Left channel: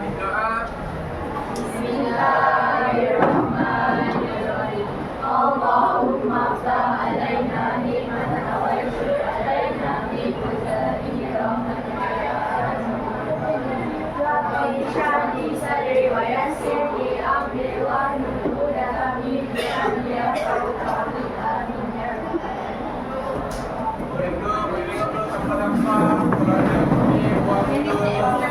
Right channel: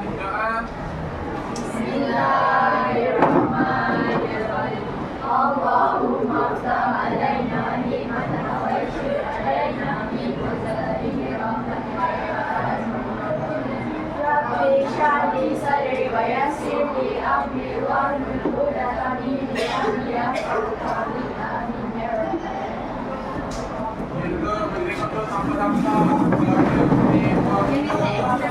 Doa. Bismillahirrahmanirrahim. Allahumma ftah alaina ni'mataka wa yushrib alaina min fadlika rahmatika ya Rabbi shrah li sadri wa yassir li amri wahlul 'uqdatam min lisani yafqahu qawli. Amin ya rabbal alamin. Itu berdiri untuk tanpa-tanpa. Kalau ada bunyi waktu.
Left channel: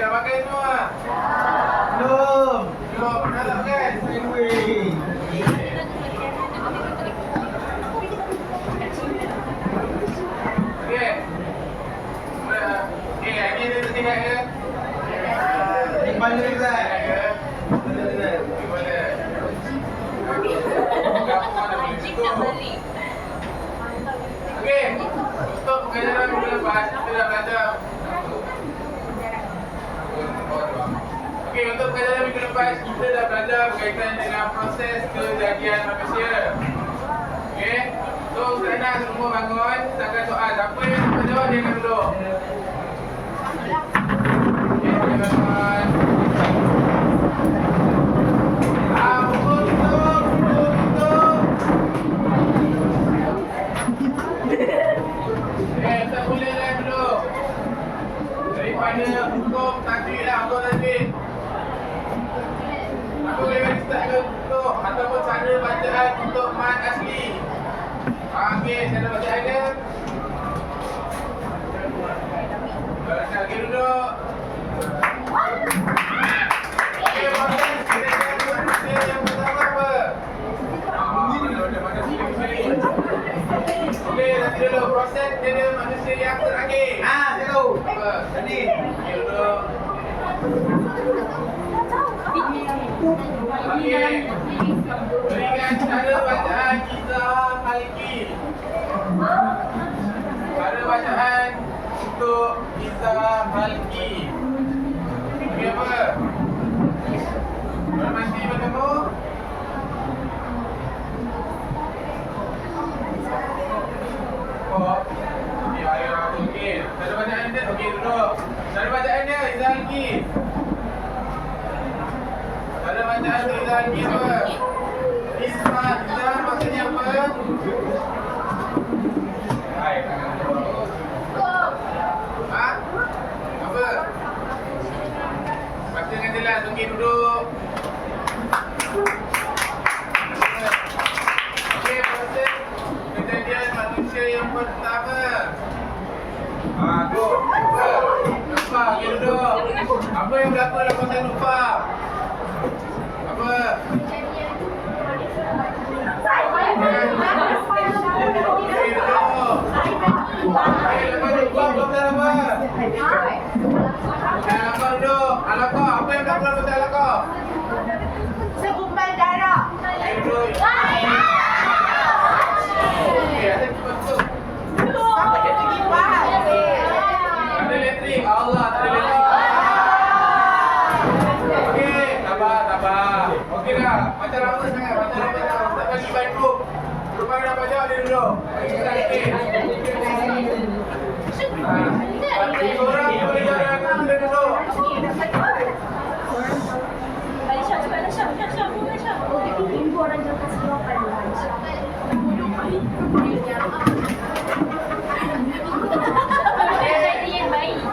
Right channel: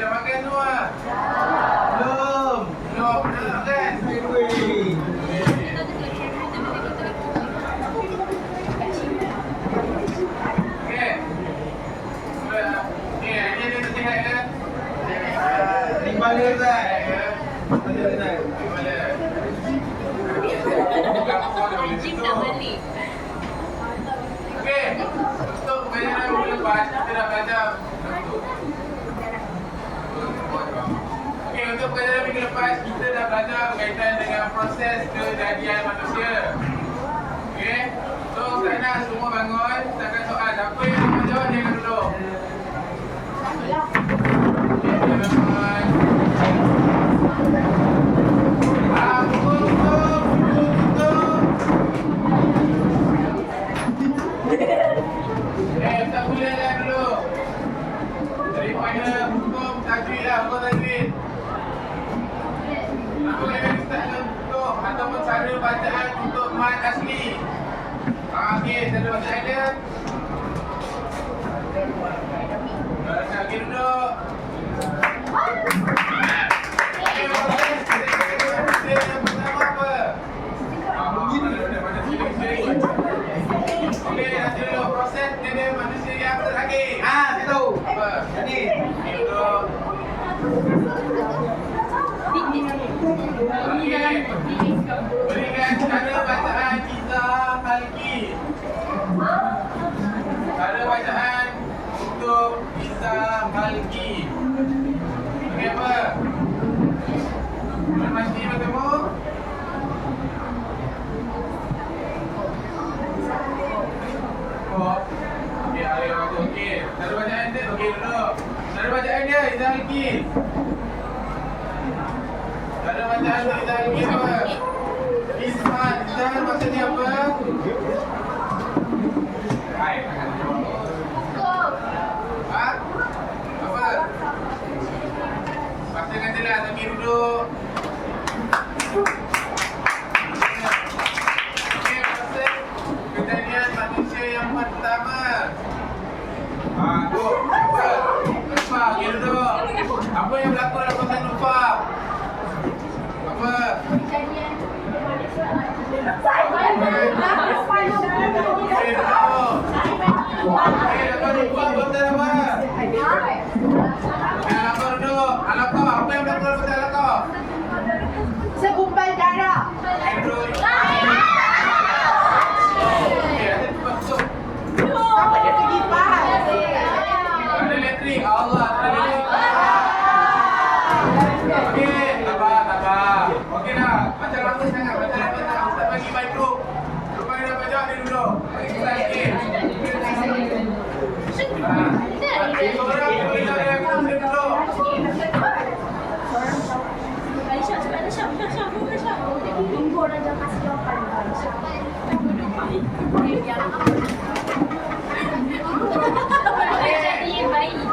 Dah makan semua? Belum. Belum. Dah tak makan? Okey. Okey, hari ni kita sihat ke? Di mana Ustaz? Mana Ustaz? Di mana? Okey. Untuk pengajaran minggu lepas, kita dah belajar. Okey, untuk pengajaran minggu lepas, kita dah belajar berkaitan dengan proses kejadian manusia. Okey, so sekarang semua bangun, kita akan soal. Siapa yang dapat jawab, dia akan duduk. Okey, dia bangun. Pukul tutup, pukul tutup. Tak boleh lah dulu. Daripada hukum tajwid lah, hukum tajwid. Aku boleh bagi start ke hukum ataupun cara bacaan untuk mat asli. Okey, cara bacaan dia. Okey, duduk. Okey, proses kita yang pertama apa? Okey, nanti dulu proses dia manusia yang terakhir. Saya tahu. Apa? Jadi, okey duduk. Okey. Berikan cara bacaan kita halki. Cara bacaan untuk kita halki. Okey apa? Boleh pasti kamu? Oh. Okey, ayo aku okey. Cara bacaan dia okey duduk. Cara bacaan dia Izalki. Cara bacaan tu Izalki apa? Ismat. Izal maksudnya apa? Hai. Ha? Apa? Baca dengan jelas. Okey duduk. Okey, proses kejadian manusia yang pertama. Go. Apa? Nufah. Okey duduk. Apa yang berlaku dalam proses Nufah? Apa? Okey duduk. Okey, lepas Nufah belum dah apa? Okey, Alaqah duduk. Alaqah. Apa yang berlaku dalam proses Alaqah? Segumpal darah. Okey duduk. Okey, ada cepat tu. Apa dia pergi pas? Ada elektrik. Allah, ada elektrik. Okey, sabar. Okey dah. Macam lama sangat. Ustaz bagi baik group. Lepas dia dapat jawab, dia duduk. Bagi Ustaz sikit. Seorang boleh jawab dengan aku, dia duduk.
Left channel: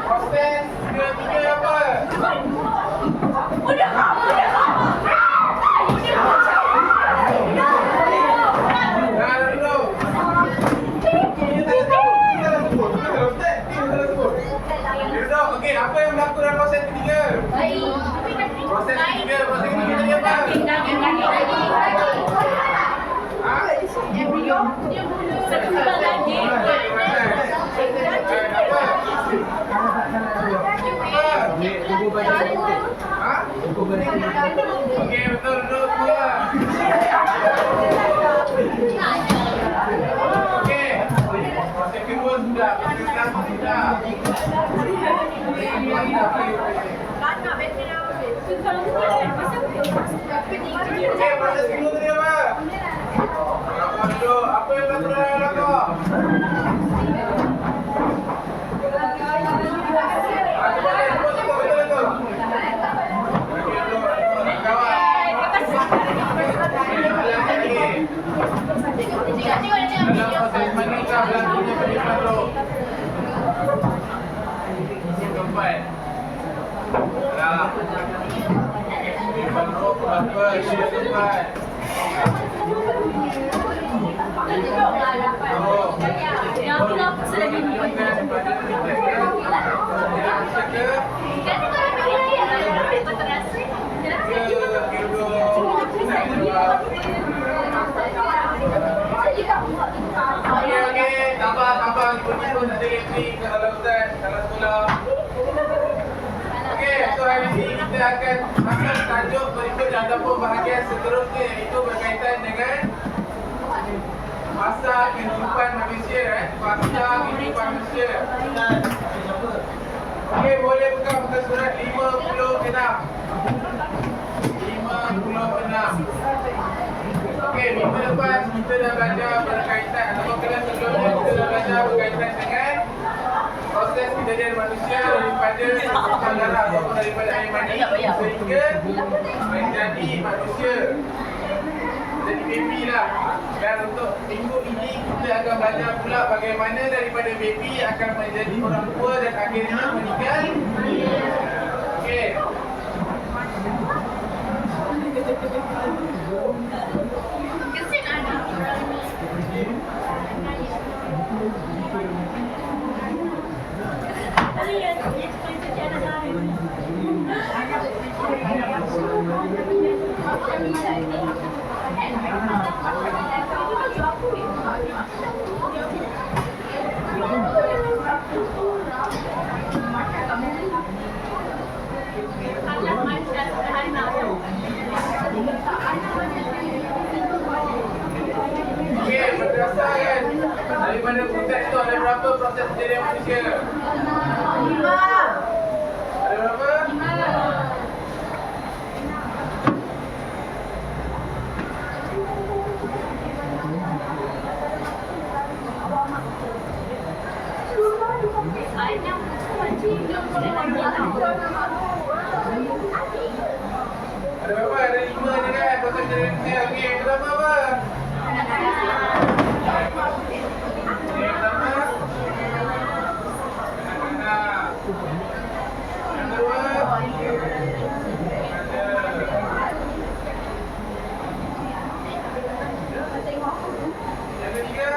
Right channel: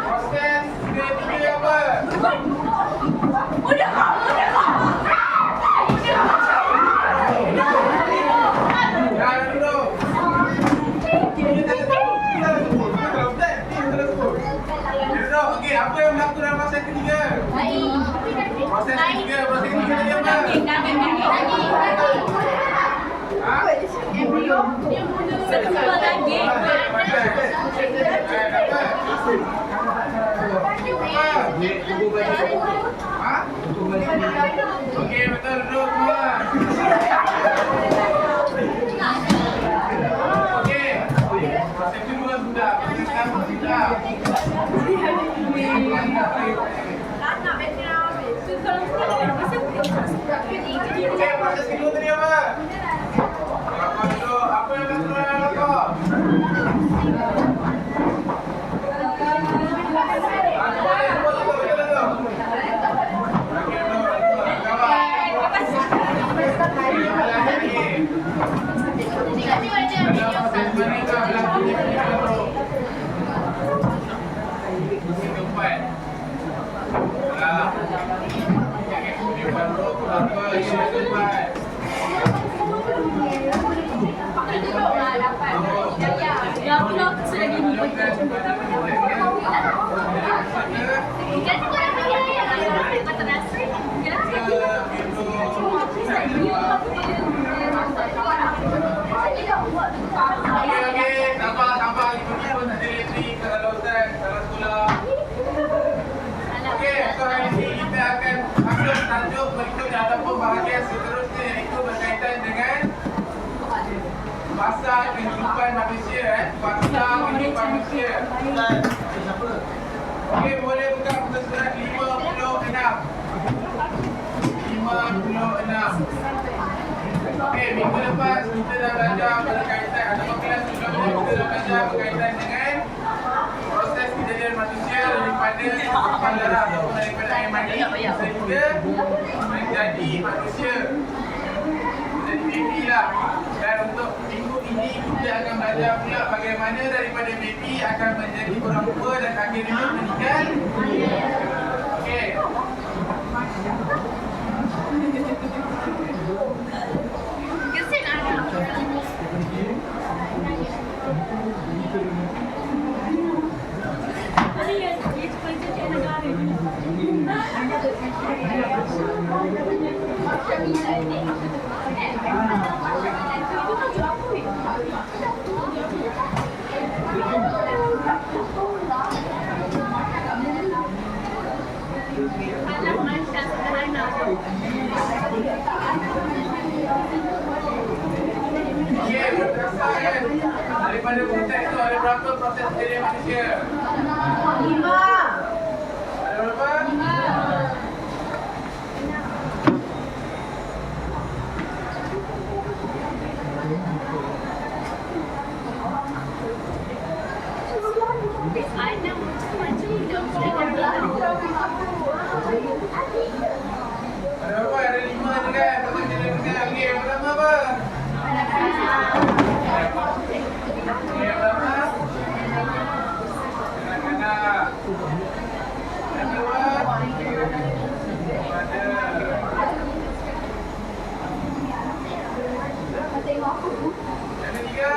Proses ketiga apa? Dah duduk. Okey, apa yang berlaku dalam proses ketiga? Proses ketiga tadi apa? Ha? Segumpal daging. Apa? Ha? Okey, betul duduk semua. Okey. Proses kedua sudah, proses pertama sudah. Okey, proses kedua tadi apa? Apa dulu? Apa yang berlaku dalam belakang? Aku balik, betul betul tu. Okey, dulu. Kawan. Dalam proses menikah berlakunya penipuan roh. Yang keempat. Penipuan roh apa? Yang keempat. Okey, tambah ikut-ikut tak ada elektrik kalau lautan, kalau sekolah. Okey, so hari ini kita akan masuk tajuk berikut ataupun bahagian seterusnya, iaitu berkaitan dengan fasa kehidupan manusia. Fasa kehidupan manusia. Okey, boleh buka muka surat 56. 56. Okey, minggu lepas kita dah belajar berkaitan ataupun kelas sebelumnya kita dah belajar berkaitan dengan proses kejadian manusia daripada sesatan darah ataupun daripada air mani sehingga menjadi manusia, menjadi baby lah. Dan untuk minggu ini kita akan belajar pula bagaimana daripada baby akan menjadi orang tua dan akhirnya meninggal. Okey. Okey, berdasarkan daripada konteks tu ada berapa proses kejadian manusia? 5. Ada berapa? 5. Ada berapa? Ada 5 je kan proses kejadian manusia. Okey, yang pertama apa? Yang pertama anak-anak. Yang kedua yang ketiga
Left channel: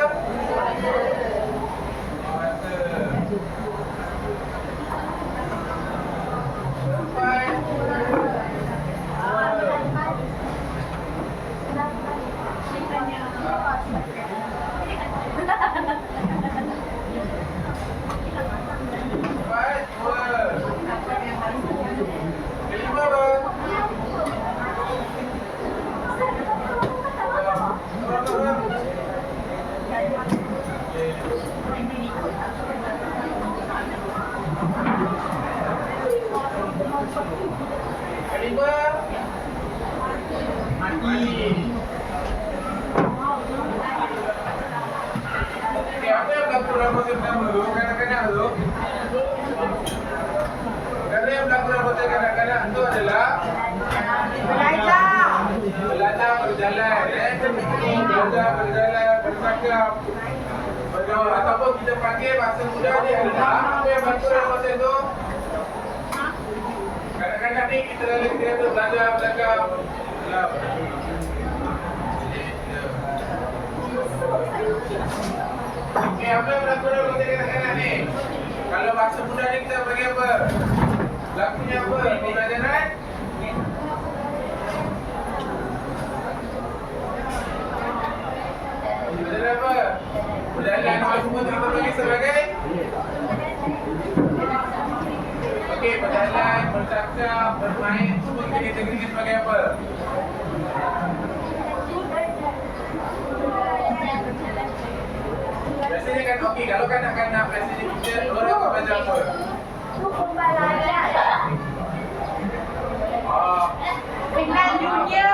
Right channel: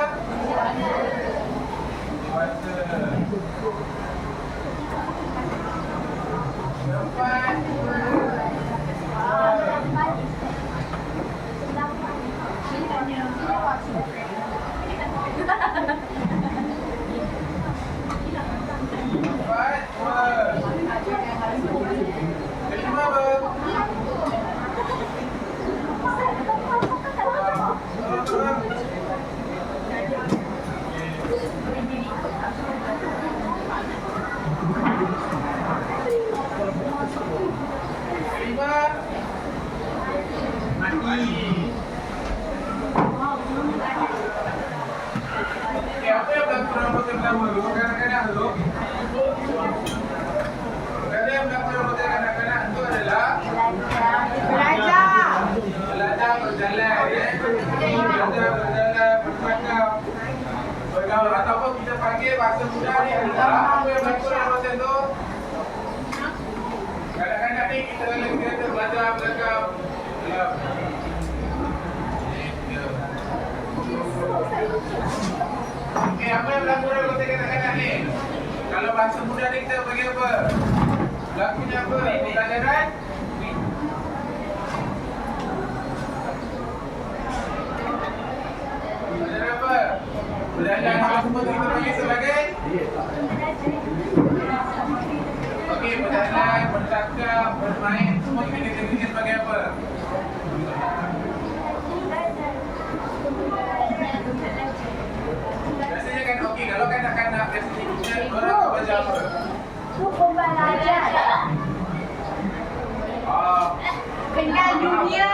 keempat kelima apa? Kelima mati. Apa yang berlaku dalam proses pertama tu? Kadang-kadang tu yang berlaku dalam proses kadang-kadang tu adalah belajar berjalan, belajar berjalan, bercakap, bergaul, ataupun kita panggil bahasa muda ni adalah apa yang berlaku dalam proses tu. Kadang-kadang ni kita belajar bercakap. Okey, apa yang berlaku dalam proses kadang-kadang ni? Kalau bahasa muda ni kita bagi apa? Berlakunya apa? Pembelajaran? Belajar apa? Belajar semua kita bagi sebagai? Okey, berjalan, bercakap, bermain, semua kita kategorikan sebagai apa? Biasanya kan okey, kalau kanak-kanak biasanya kita orang akan belajar apa? Pembelajaran. Kenal dunia.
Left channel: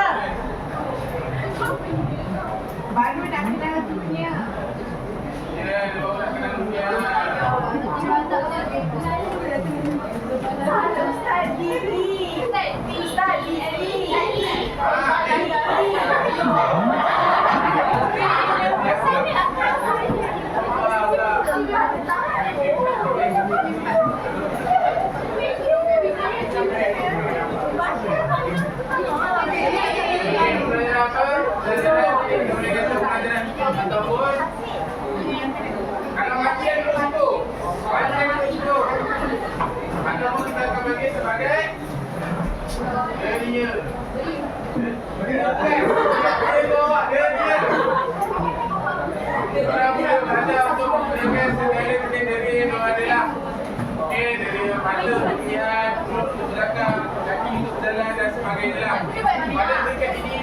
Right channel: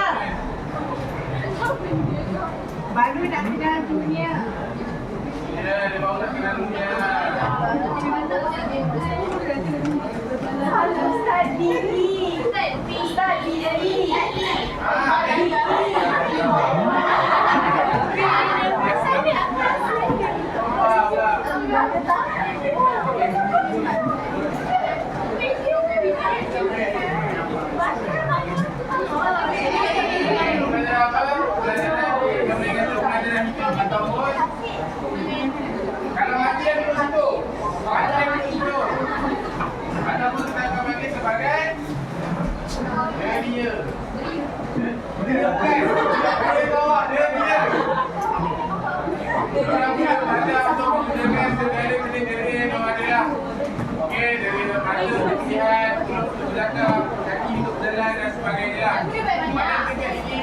dia. Dia bukan. Dia bawa dia. Orang boleh belajar untuk menggunakan segala benda-benda yang adalah okey, dari mata untuk melihat, mulut untuk belakang, kaki untuk berjalan dan sebagainya lah. Pada peringkat ini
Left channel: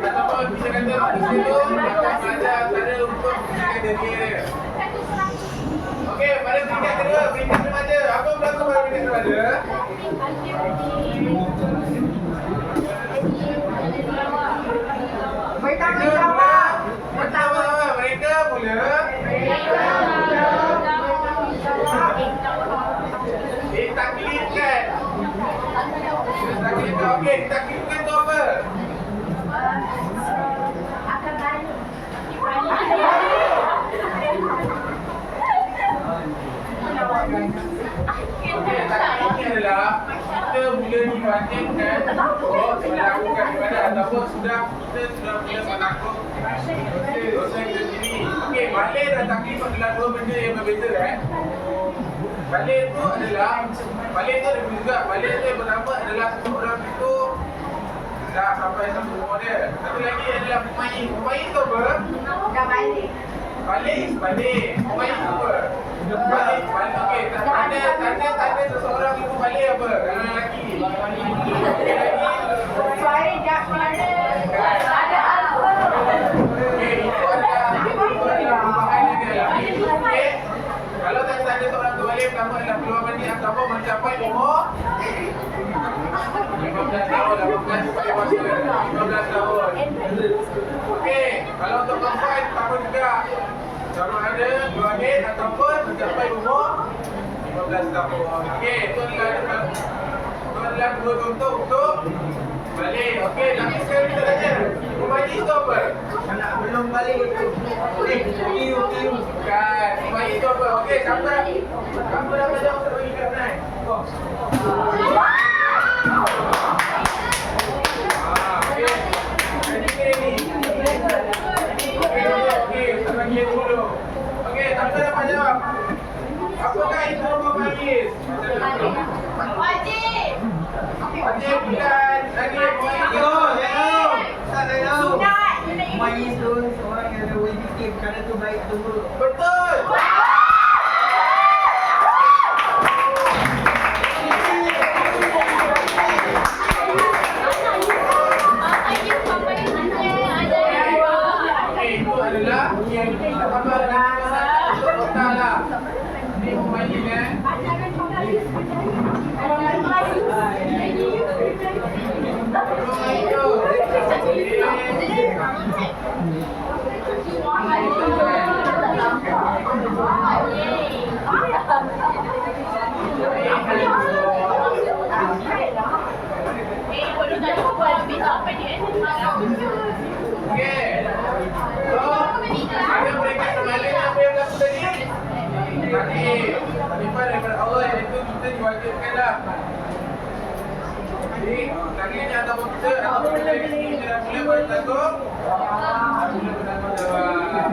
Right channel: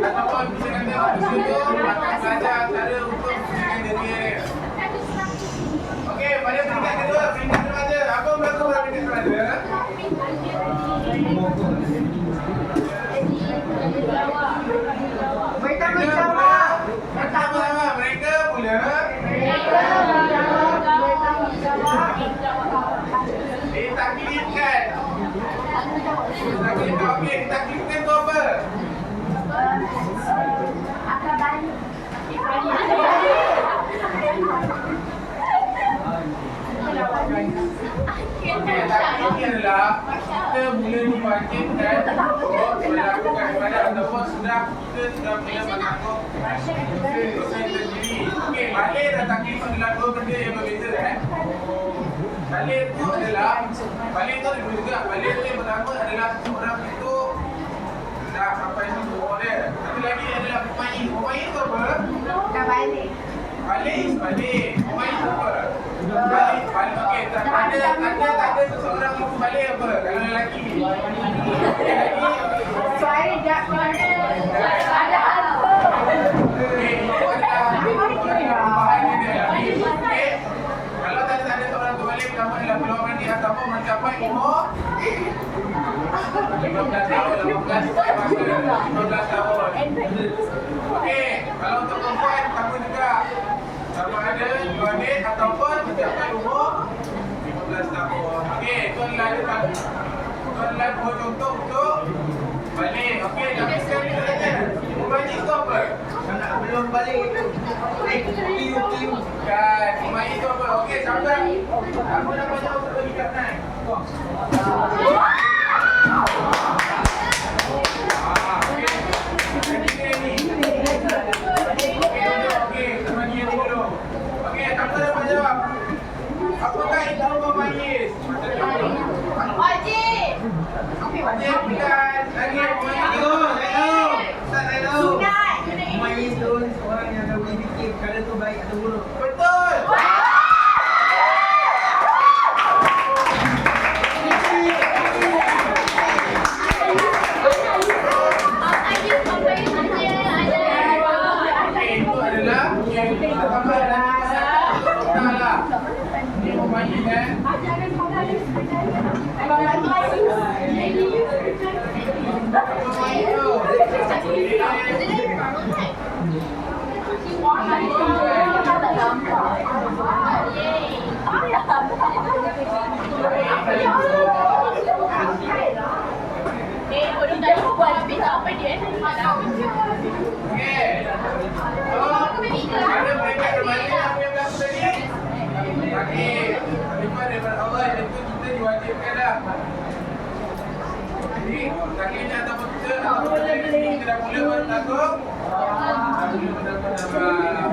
ataupun bisa kata manusia tu akan belajar cara untuk menggunakan diri dia. Okey, pada peringkat kedua, peringkat remaja. Apa berlaku pada peringkat remaja? Mereka menjawab. Pertama-tama mereka mula ditaklidkan. Okey, ditaklidkan tu apa? Akan balik. Okey, taklid ni adalah kita mula diwajibkan untuk melakukan ibadah ataupun kita sudah mula mengaku dosa kita sendiri. Okey, balik dan taklid adalah dua benda yang berbeza Balik tu ada juga. Balik tu yang pertama adalah seseorang itu dah sampai satu umur dia. Satu lagi adalah mumayyiz. Mumayyiz tu apa? Dah balik. Balik. Mumayyiz tu apa? Balik. Okey, tak ada seseorang yang balik apa? Kalau lelaki. Suara dia ada apa? Okey, itu adalah perubahan yang dia alami. Okey. Kalau tak ada seorang terbalik, pertama adalah keluar mandi ataupun mencapai umur 15 tahun, 15 tahun. Okey, kalau untuk perempuan, sama juga. Sama ada keluar haid ataupun mencapai umur 15 tahun. Okey, itu adalah dua contoh untuk balik. Okey, tapi sekarang kita tanya, mumayyiz itu apa? Anak belum balik tu. Piu. Kan, mumayyiz itu apa? Okey, siapa dah belajar untuk bagi kat naik? Okey. Okey, kita bagi yang ni dulu. Okey, siapa dah menjawab? Apakah itu mumayyiz? Wajib. Wajib bukan lagi mumayyiz. Saya tahu. Sunat. Mumayyiz tu seorang yang ada boleh fikir perkara tu baik atau buruk. Betul. Okey, itu adalah yang kita tambah dalam total lah. Ini mumayyiz Okey. So, ada mereka kembali apa yang berlaku tadi? Tarifan daripada Allah yang itu kita diwajibkanlah. Jadi, takdirnya ataupun kita kita dah mula bertakut. Dah mula bertakut dalam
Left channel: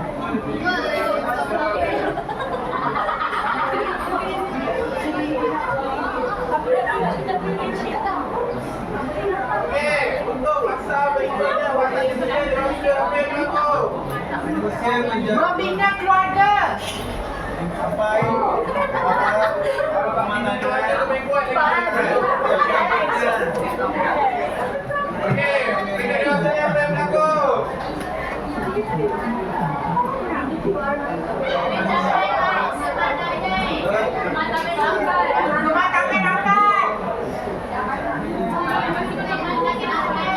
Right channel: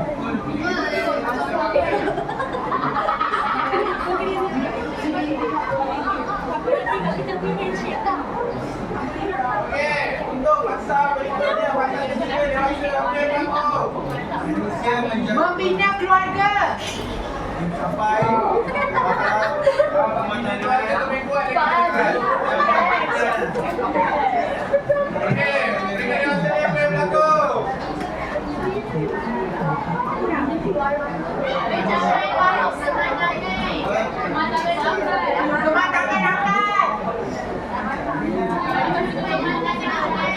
Okey, untuk masa beribadah waktu kita dewasa apa yang berlaku? Manusia menjaga Membina keluarga. sampai mana Itu ada lebih kuat lagi. Okey, kita dewasa ni apa yang berlaku? Rumah kami rapat.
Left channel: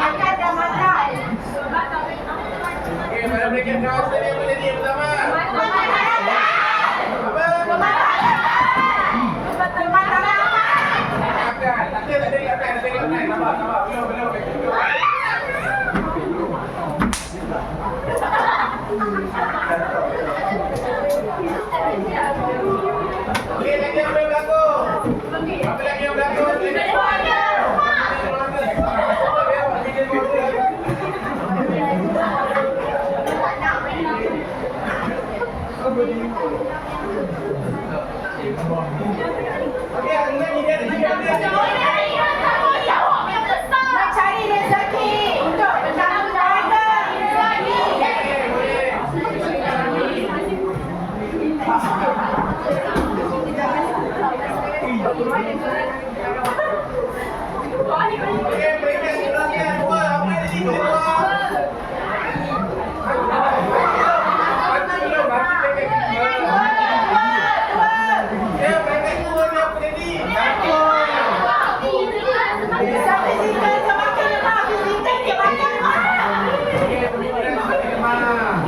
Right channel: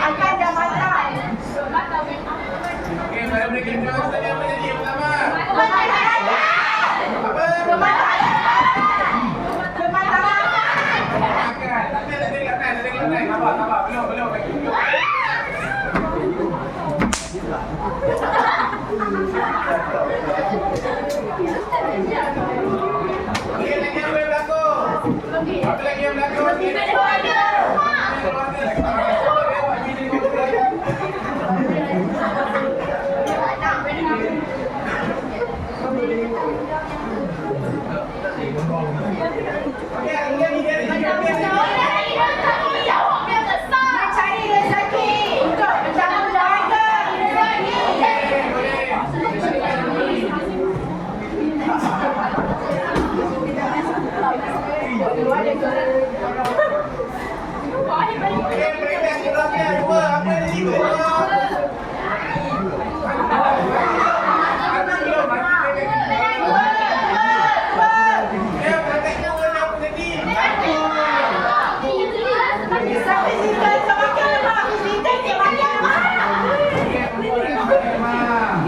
Akan dah masak. Okey, pada mereka dewasa ni apa jadi yang pertama? Apa? Makan. Nanti tak ada kat naik. Sabar. Belum. Okey, lagi apa yang berlaku? Apa lagi yang berlaku? Keluarga. Sa physical, sa magkala, physical, sa magkala. Okey, boleh semakin lemah.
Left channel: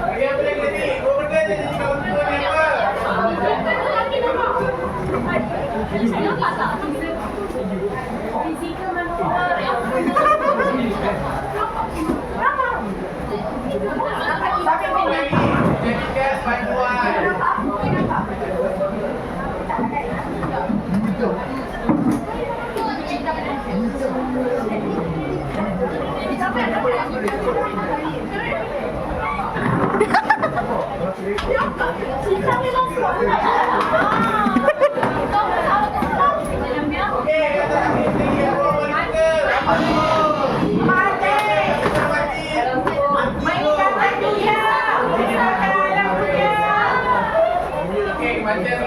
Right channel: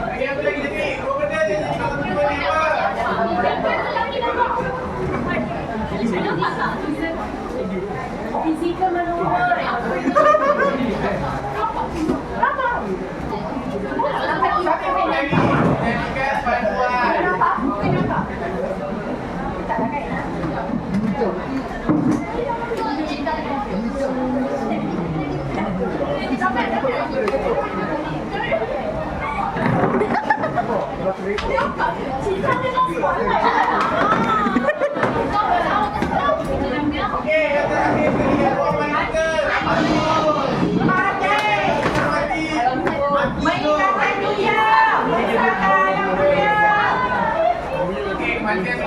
Lagi apa lagi tadi? Kau benda je tahun 25. Fizikal manohar. Satu lagi. Jadikan bantuan. Okey, yang terakhir sekali aku mati. Okey, kematian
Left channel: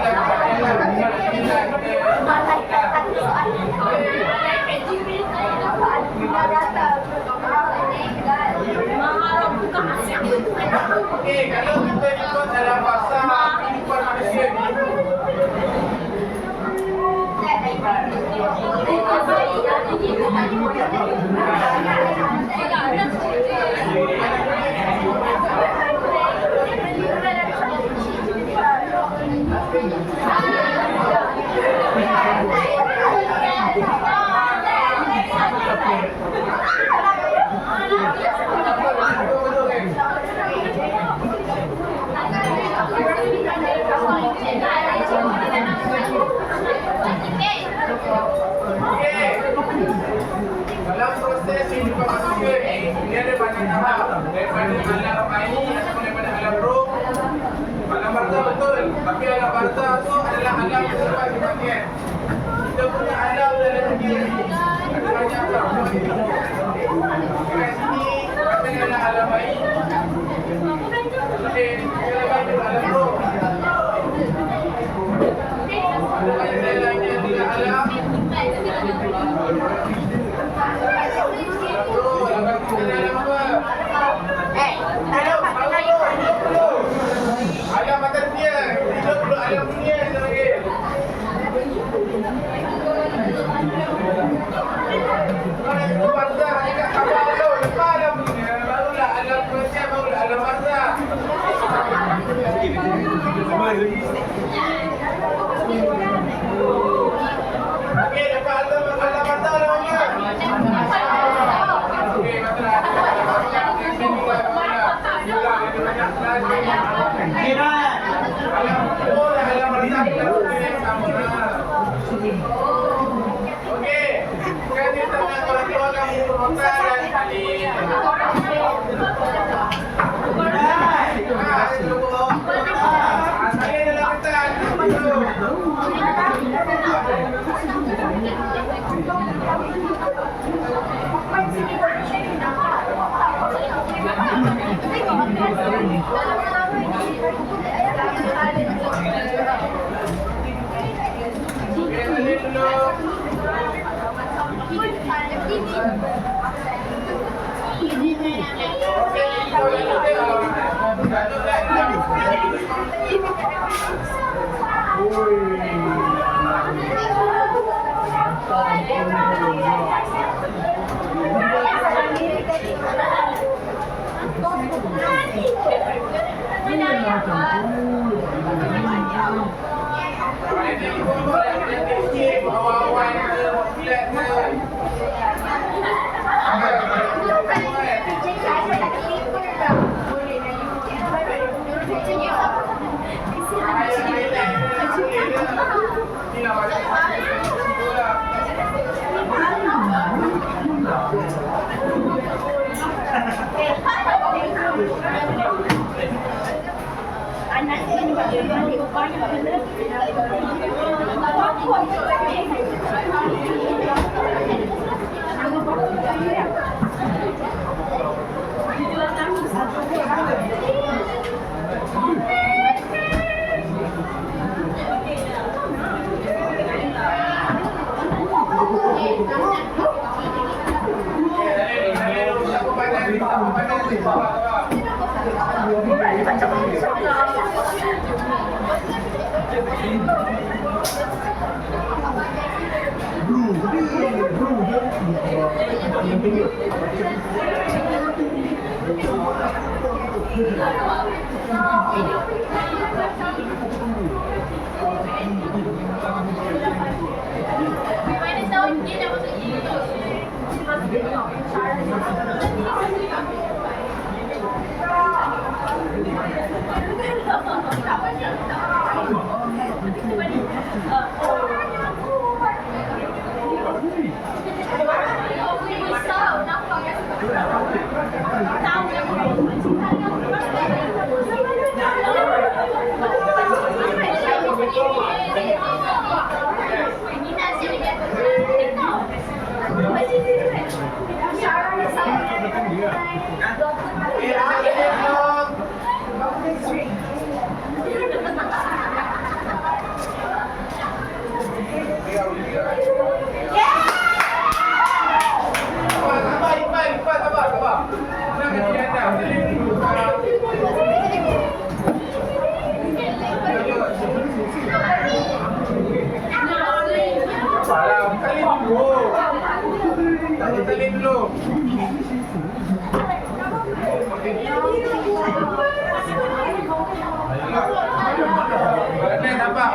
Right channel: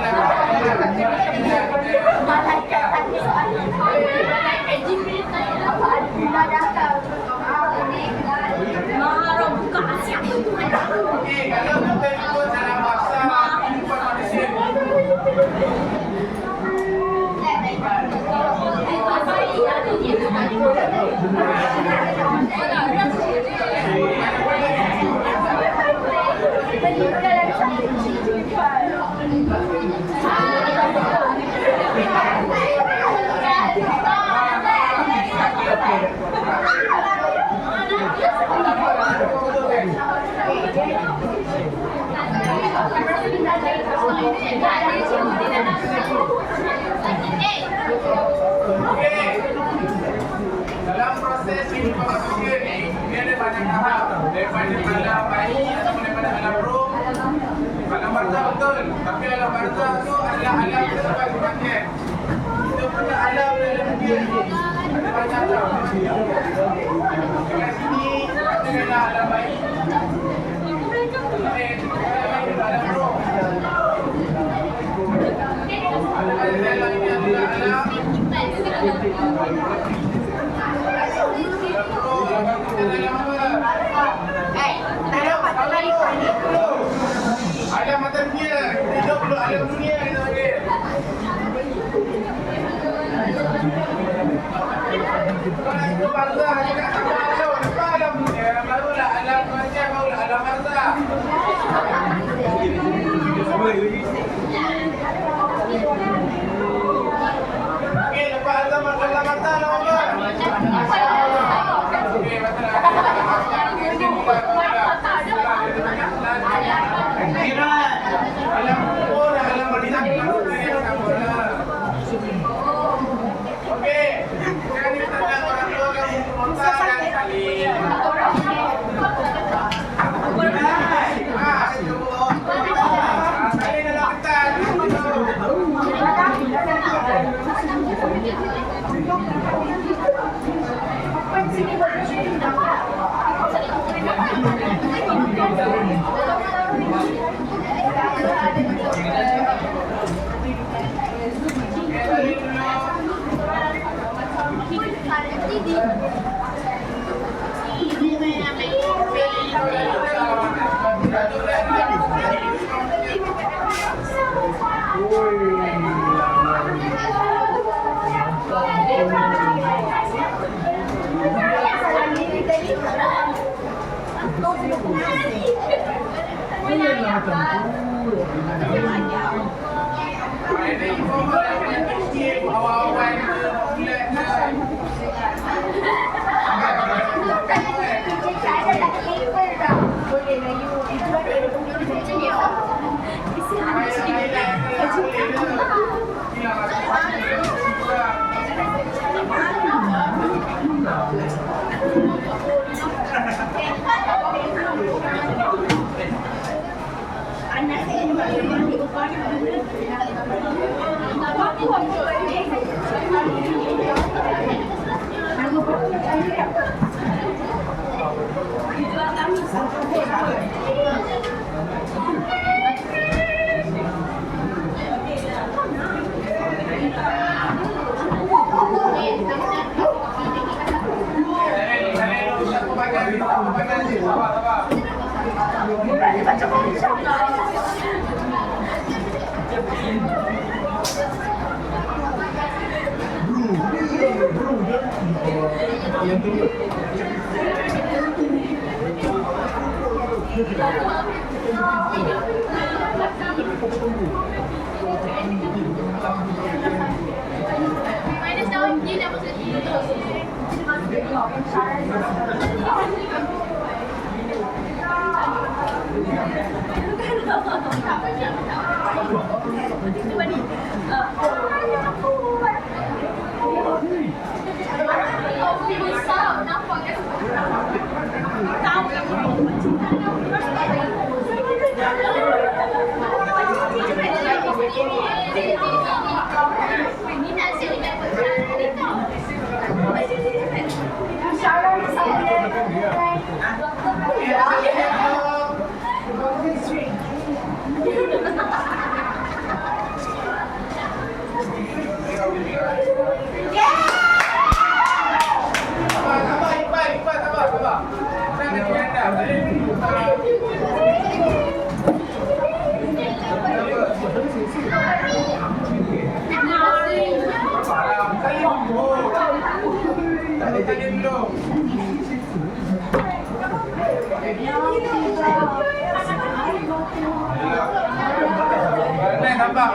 Okey, kalau kita ikut dalam bahasa kehidupan manusia ni, okey. Dalam proses kehidupan manusia ni, dia ada banyak tahap. Daripada alam bayi ataupun daripada alam roh. Alam barzah betul. Tapi alam barzah tu adalah alam selepas kematian. Kita punya alam dalam dunia ni ada banyak tau. Kat sini ada dalam alam bayi. Okey, kita ada alam roh. Ada lainnya juga alam roh. Lepas kita dalam apa? Alam mata dunia. Hidup dulu alam dunia kita panggil. Kalau itu barzah juga tak tahu. Lepas alam dunia, barulah alam kematian, barulah alam barzah. Okey, lepas alam barzah dah apa? Okey, masalah. Alam kubur dan alam barzah kita yang sama. Okey, sekarang kita tanya orang tua kamu Rosa dan Salih. Salih dalam petan. Okey, Salih dulu. Ini ibu apa dah kena kecil, awal-awal ke, bulat ke. Kita Sabar. Mana tahu dia dah masuk itu.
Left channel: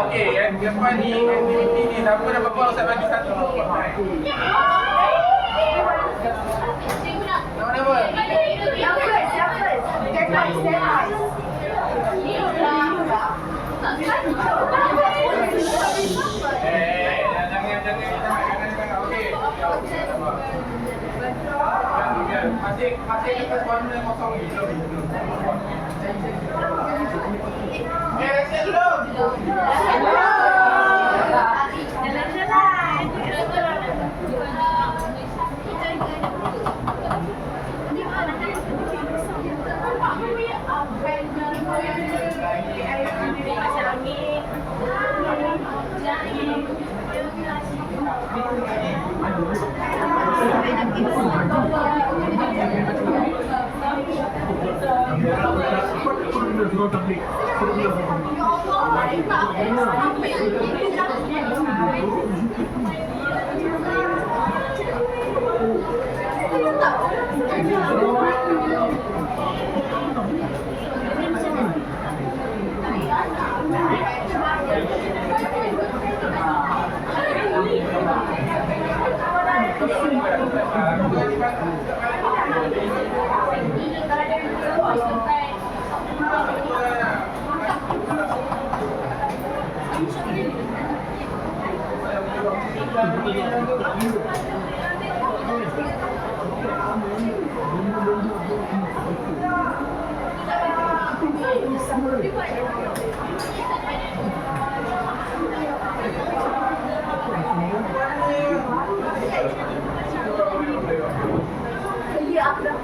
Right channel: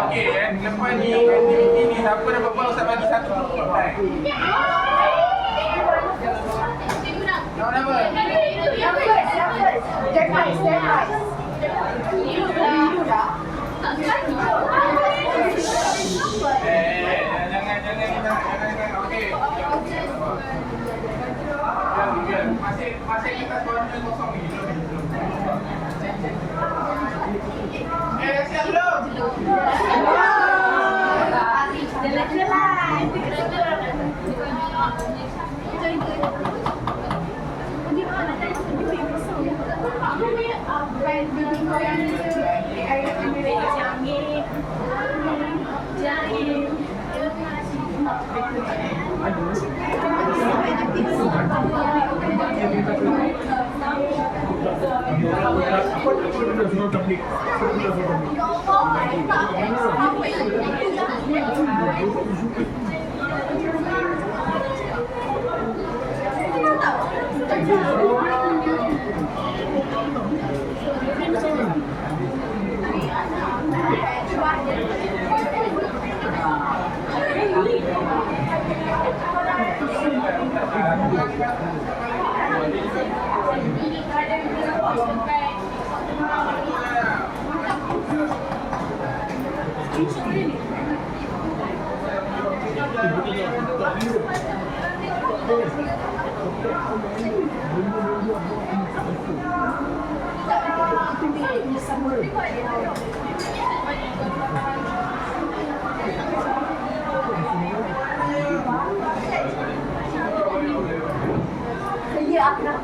Okey, lepas ni aktiviti ni siapa dah berapa Ustaz bagi satu kedai. Nama apa? Jangan. Okey. Masih kita corner kosong ni. Siap belum?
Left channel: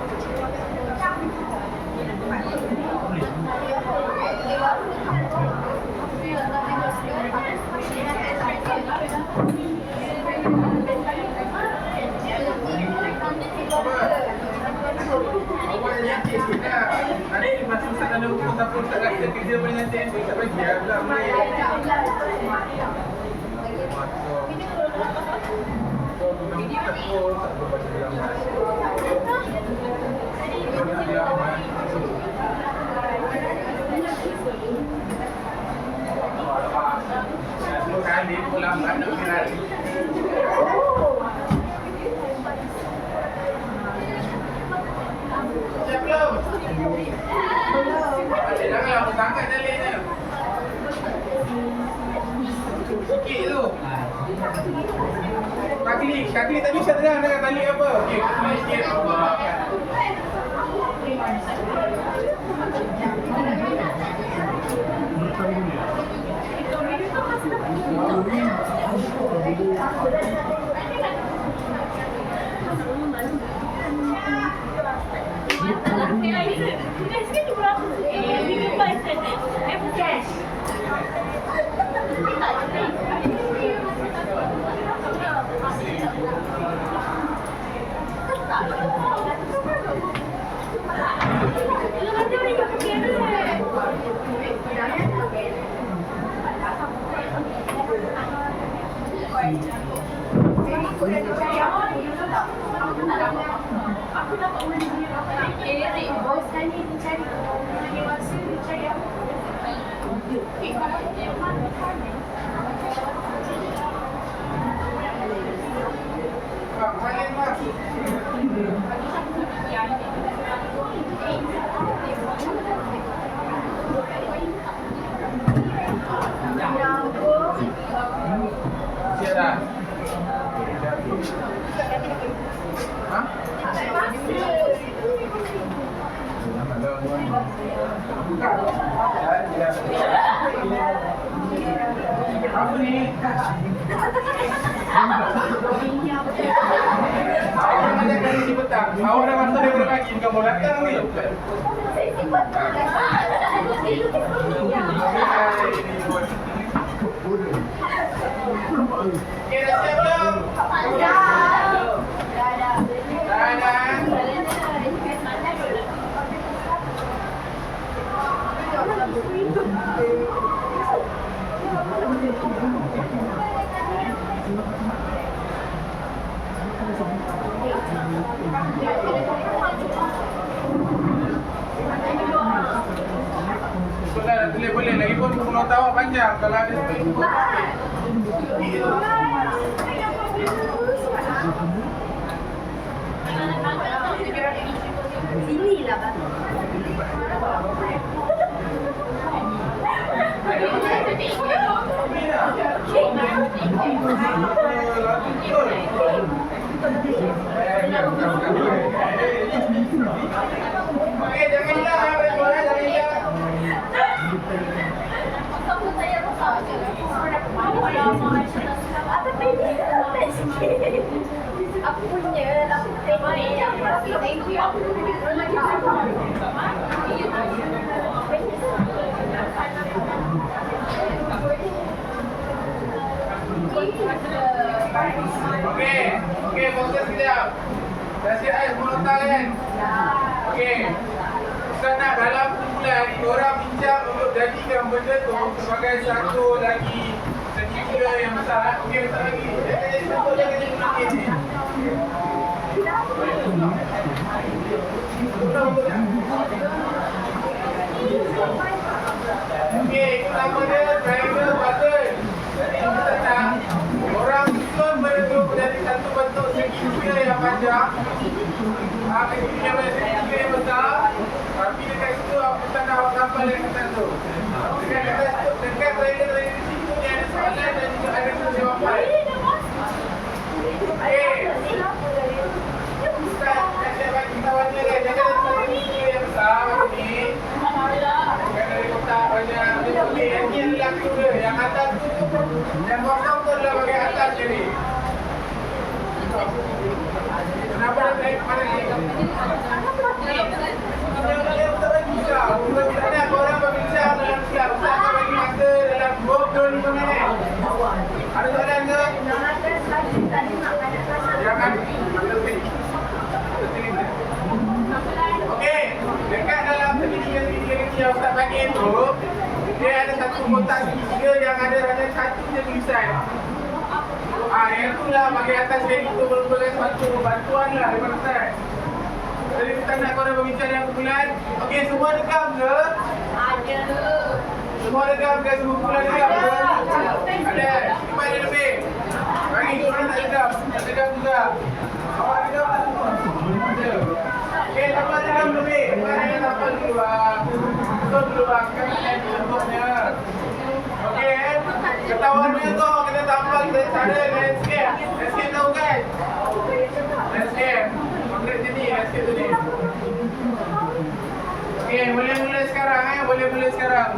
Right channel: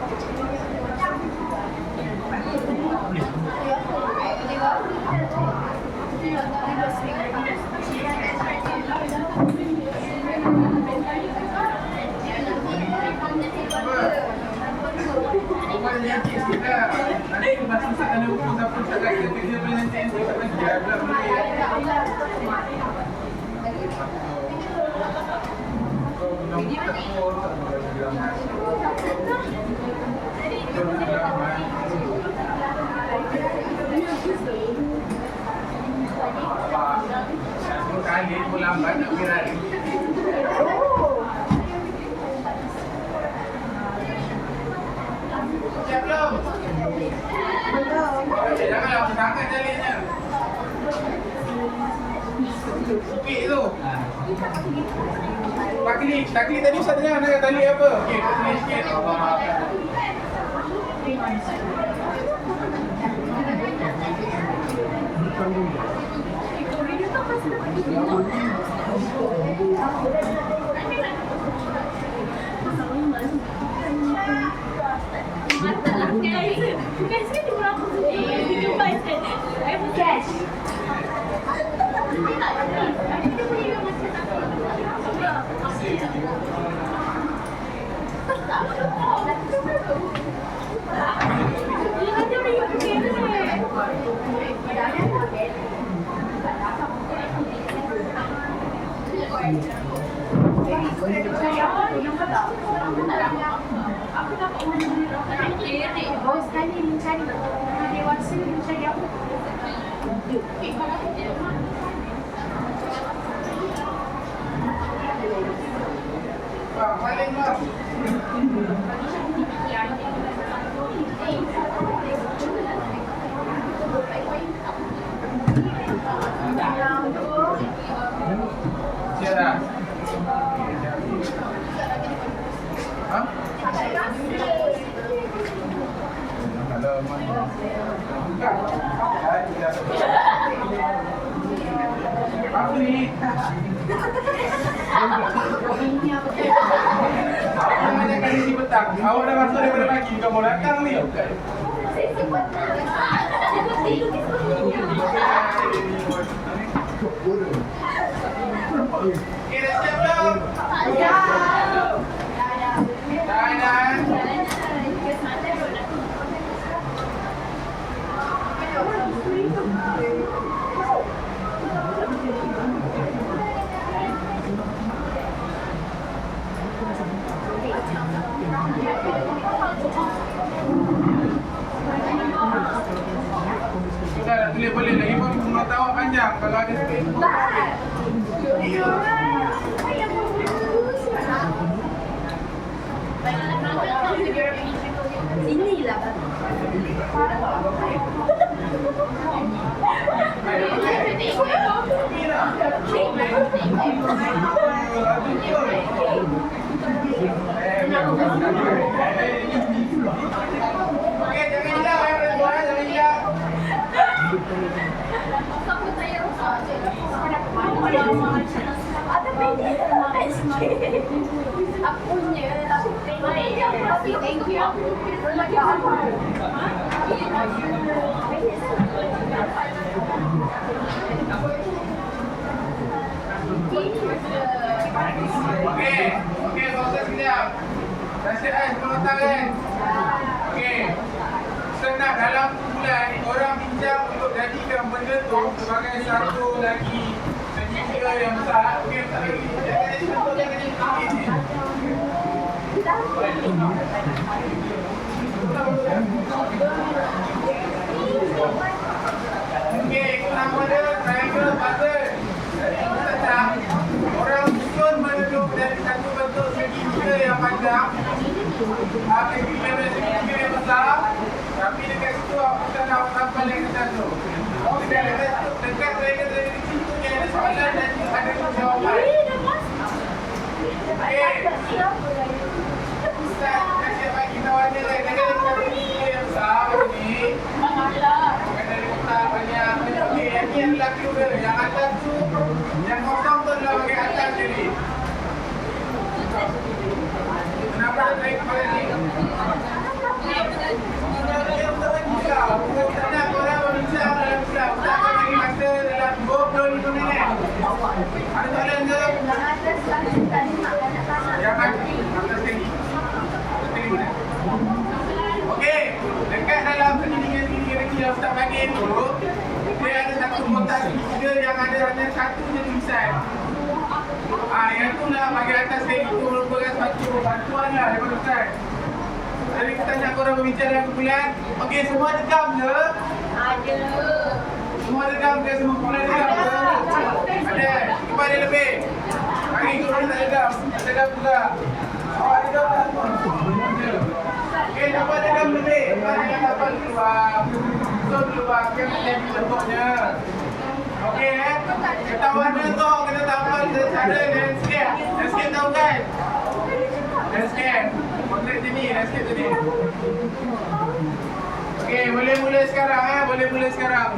Siap belum? Jangan lama sangat jalannya. Sikit tu. Kaki tadi saya tengah nak tali apa? Okey, tali sikit. Yes. Pak, paling mas. Siap dah? Hah? Kalau mau ni. Buka. Apa ni? Awak nak ajak kali ni petang. Awak dah masuk daripada pagi. Bukan mau datang ni. Okay, dah siap belum? Dah. Dah tulis boleh. Lagi pun menurut awak panjang. Kalau ada space pun boleh. Inilah batu. Okey, jangan hilang jangan hilang. Kamu saya rosak je. Ada pendek sikit. Aku punya lah. Thank you. Lagi apa? Okey, fokus sekejap. Dah siap kan? Penonton kan? Okey. Ustaz nak dalam bulan korang bincang untuk jadikan benda tu sebagai satu lagi segitiga yang besar. Okey, Ustaz bagi. Jangan jadi satu, jangan jadi sedikit ni. Okey, itu nama dia triangle pattern. Jadi Ustaz nak orang susun bentuk dari satu bentuk segitiga yang panjang. Segitiga yang besar. Tapi dekat situ Ustaz nak sampal yang macam tu. Dekat triangle situ ni ada soalan dan ada jawapan. Okey. Ustaz nak siap bagi tahuannya kan. Jangan ada satu segitiga yang besar macam ni. Bukan dari kotak banyak. Okey, yang ni adalah juga. Yang atas tu, yang kosong tu adalah bagian atas je ni. Kenapa dia naik kepada ni? Dia untuk bagi Ustaz. Ustaz nak korang berbincang dalam Ustaz. Ustaz akan bagi masa dalam 25 minit. Ada soalan ke? Jangan. Atas sini. Atas sini mana? Okey. Dekat dalam segitiga-segitiga ni yang Ustaz bagi tu, dia ada satu kotak segitiga yang ada hanya satu je tulisan. Yang tu lah bahagian atas dia itu merupakan satu bantuan lah daripada Ustaz. Jadi kita nak korang berbicara yang kumpulan. Okey, semua dekam ke? Ada. Semua dekam ke? Semua kumpulan dekam ke? Ada. Cepat dia lebih. Bagi korang tak dekam. Tak dekam juga. Awak dekam tak semua? Okey, lepas dekam lebih. Lepas dekam dapat keluar. Betul keluar. Kan ada bentuknya. Okey, ketahuan dia tu kita tampal cara landscape. Landscape tahu kan? Landscape. Konkret sini, landscape tadi. Okey, boleh mula sekarang boleh mula sekarang.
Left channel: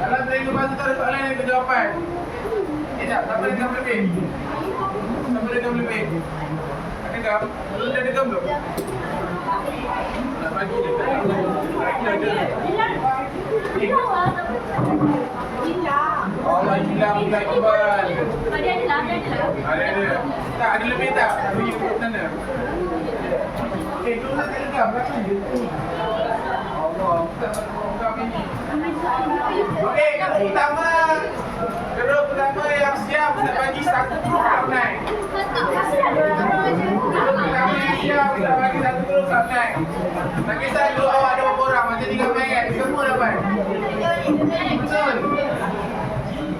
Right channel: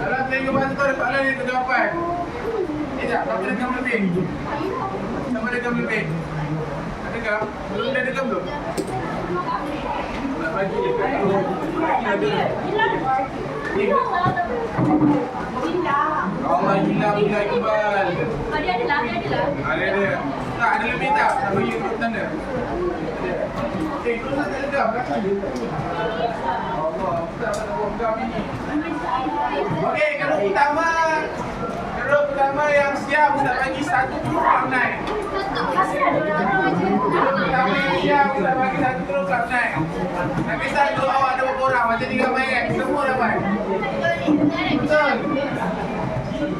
Dalam triangle bahasa tu ada soalan yang kejawapan. Tak, siapa dekam lebih? Siapa dekam lebih? Ada dekam? Belum dah dekam belum? Nak bagi dekat ada. Allah hilang Iqbal. Ada lah. Ada. Tak ada lebih tak? Bagi urut sana. Tu tak lekam belakang dia. Allah, tak lekam ini. Okey, keruk pertama yang siap Ustaz bagi 1 grup online. Keruk pertama yang siap, kita bagi satu terus kat naik. Tak kisah dulu awak ada berapa orang, macam ni ramai kan? Semua dapat. Betul.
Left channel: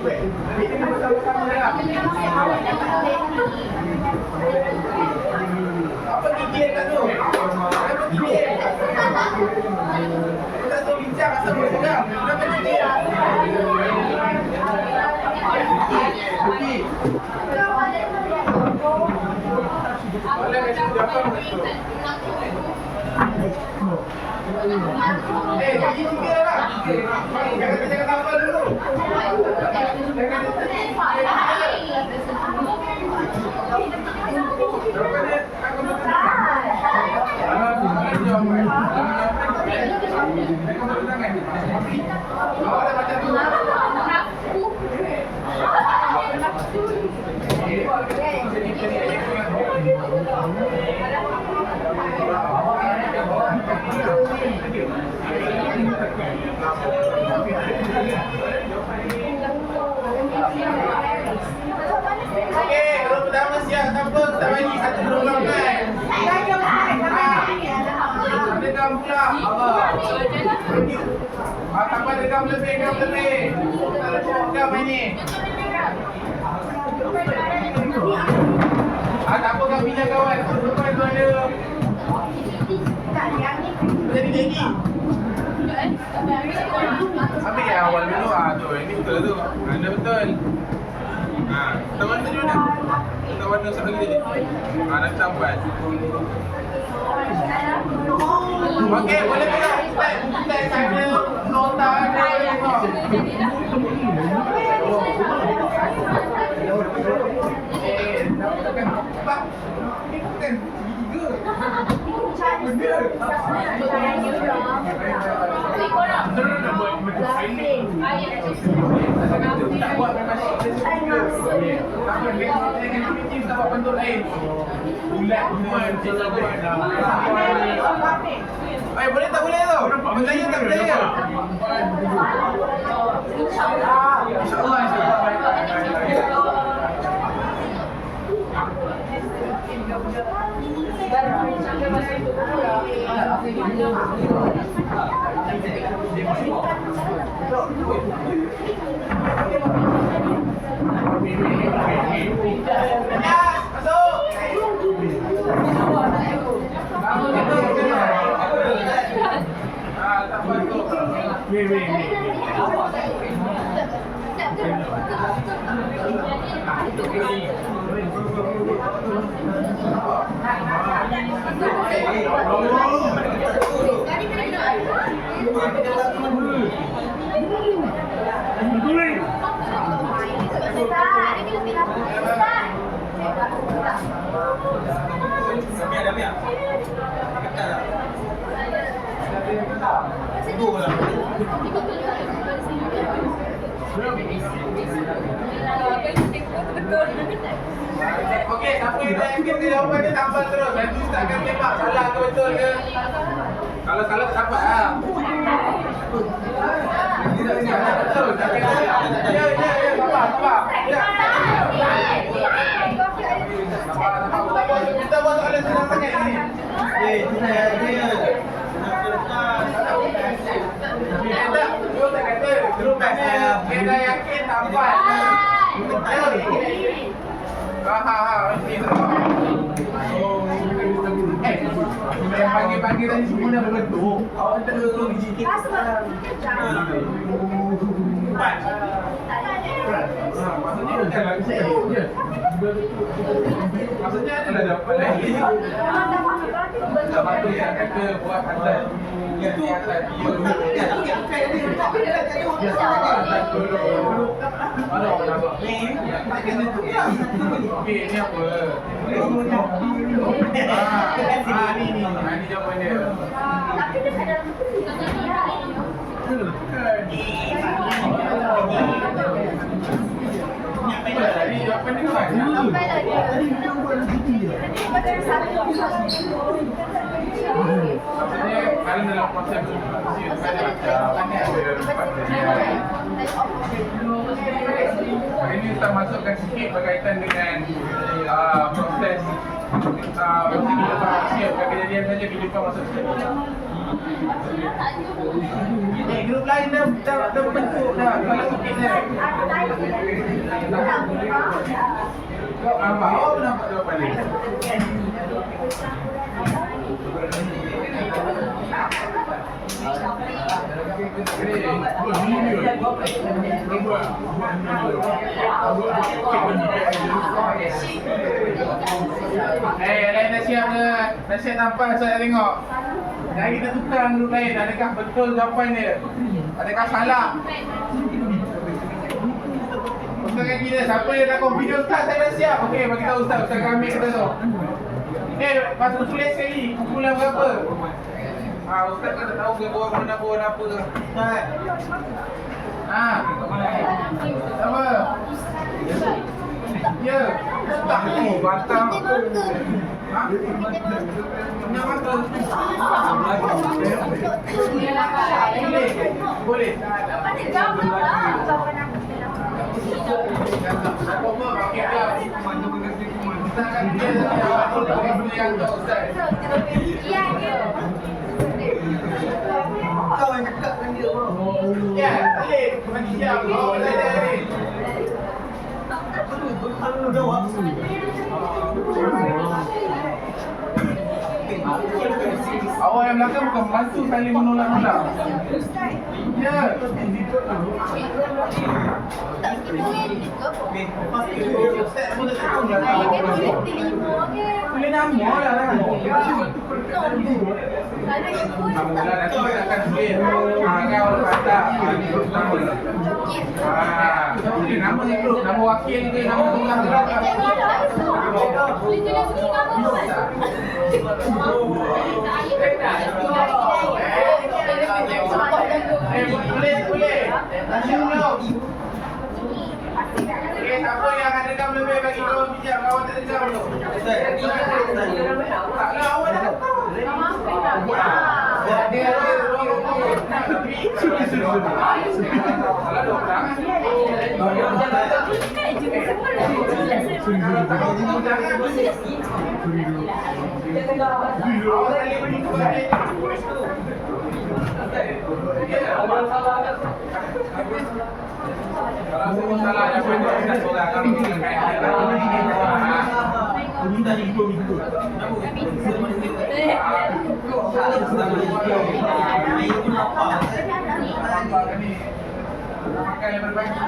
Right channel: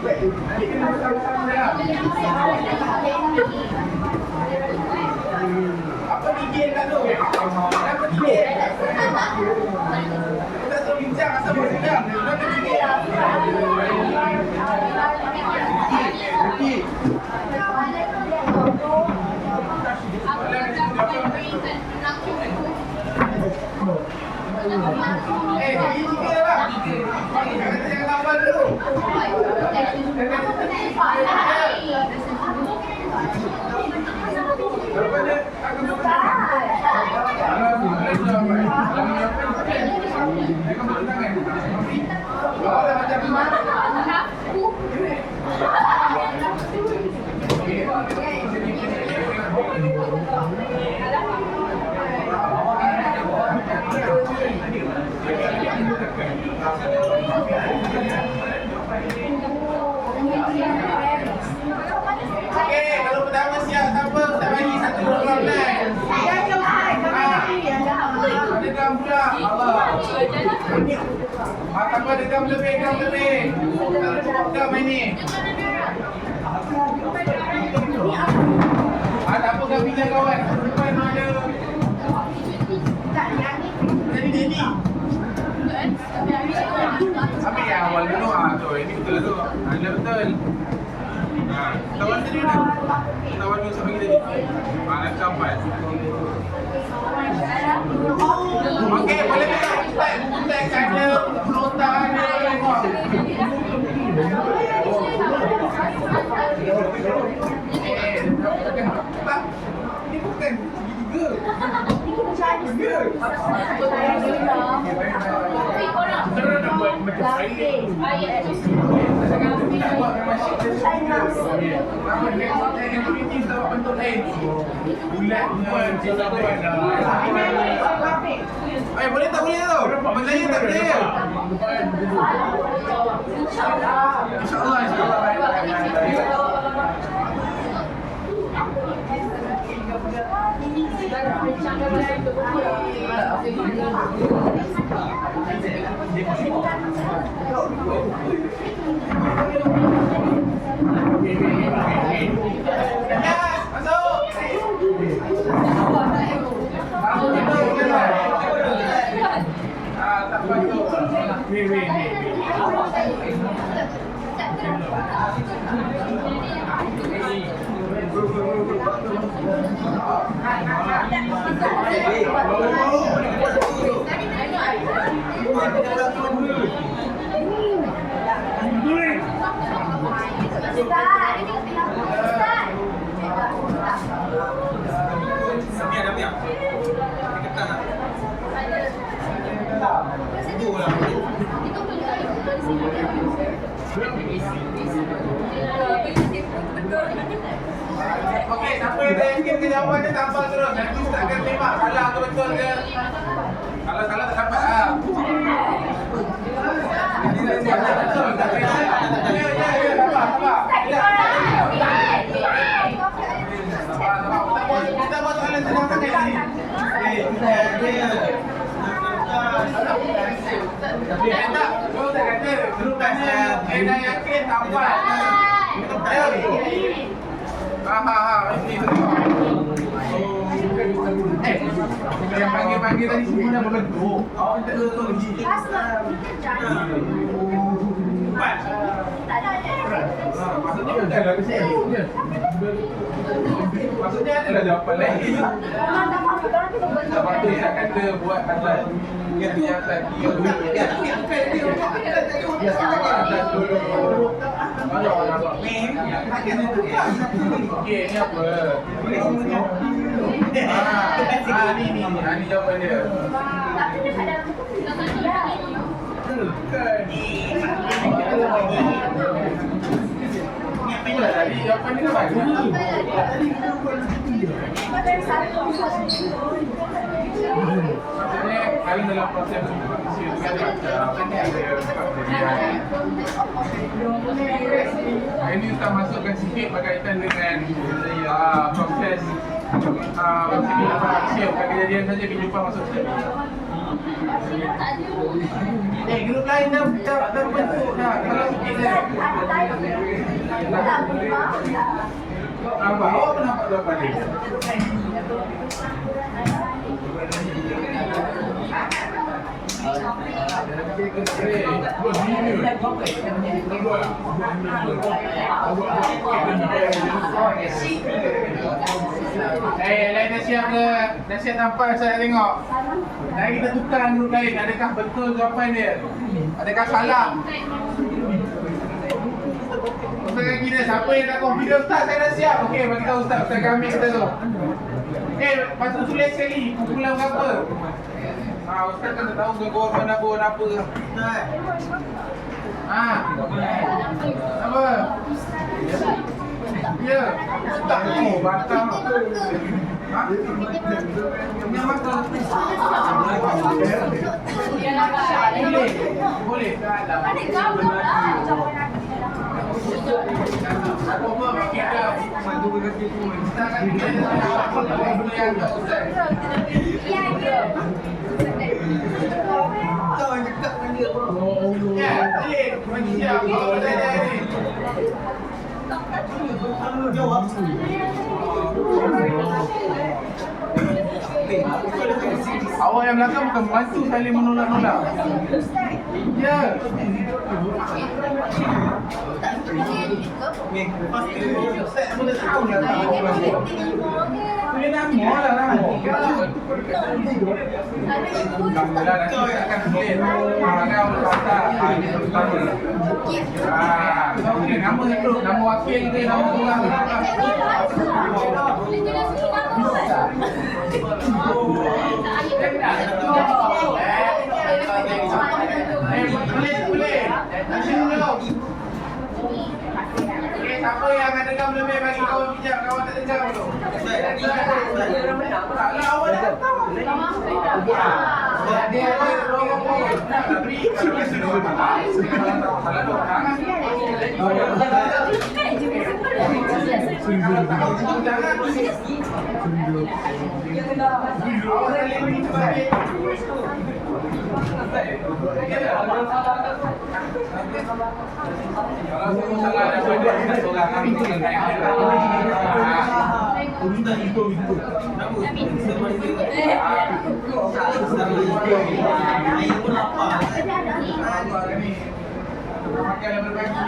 Jadi kita bersama-sama dah. Apa gigil kat tu? Apa gigil? Kita tu bincang asal bersedang. Apa gigil? Gigi tiga lah. Jangan tambah dulu. Daripada aku okey, kalau pertama siap tak apa, kita bagi satu dulu kan. Ada gam pula. Tak apa, ada gam lebih. Tak lupa gam ini. Tak apa gam pinjam kawan. Depan tu ada. Jadi. Ambil yang awal dulu. Tu, ini betul tu. Ada betul. Kita warna tadi mana? Kita warna siapa lagi tadi? Nak campan. Okey, boleh tak ada nota ada tengok. Pak, ini bukan tiga. Tak buat memang kita buat bentuk lain. Bulat semua. Boleh tak boleh tu? Percaya tak percaya? InsyaAllah. Okey, siapa yang dah yakin ke jawapan dia tambah terus. Nanti Ustaz akan tembak salah ke betul ke. Kalau salah tak dapat lah. Betul, tak kena. Ya, sabar. Ya. Sabar. Kita buat soalan senang sangat ni. Tak, tu tak kata. Terus dah yakin tambah. Yang pagi-pagi tadi semua dah berbentuk. Awak tak ada tu lagi. Maksudnya bukanlah kesalahan. Maksudnya adalah jawapan lain. Tak patut yang kata buat atas yang lagi. Okey, ni apa? Ni jawapan dia. Tapi dia kat dalam buku Bukan. Tadi jawapan dia banyak. Maksudnya, kalau dalam proses komunikasi kan ada empat jadian. Ini kita masukkan sikit berkaitan dengan proses berkaitan Malaysia. Bukan kejadian saja kehidupan masuk sini. Grup lain dah berbentuk dah. Kalau sikit je. Awak pun nampak dua balik. Lain dah siap ke? Dah siap nampak saya nak tengok. Dah kita tukar grup lain. Adakah betul jawapan dia? Adakah salah? Ustaz kaki dia, siapa yang dah confident? Ustaz, saya dah siap. Okey, bagi tahu Ustaz, Ustaz kami kata tu. Patut tulis sekali, kumpulan berapa? Ustaz kan dah tahu ke born apa. Apa? Ya, Ustaz tu batang. Punya mata. Boleh. Ada gambar lah. Kau yang cakap dengan dia bro. Ya, boleh. Bagi siap. Kau boleh dari. Jawab. Awak yang belakang bukan membantu saling menolak-nolak. Ya. Ustaz boleh tahu lah tak orang tu. Boleh nama lah nama. Alhamdulillah nanti kita akan tulis. Kau lepas ini pertama. Boleh nama itu, nama wakil ke, nama orang lah. Boleh. Nanti dulu. Siapa yang ada rekam lebih bagi kawan bijak, kawan tak dekam tu. Taklah awak dah tahu. Dia ngomong tapi salah dua orang. Kalau saya salah ada benda tak orang kami minta ikut. Makan yang berbagi.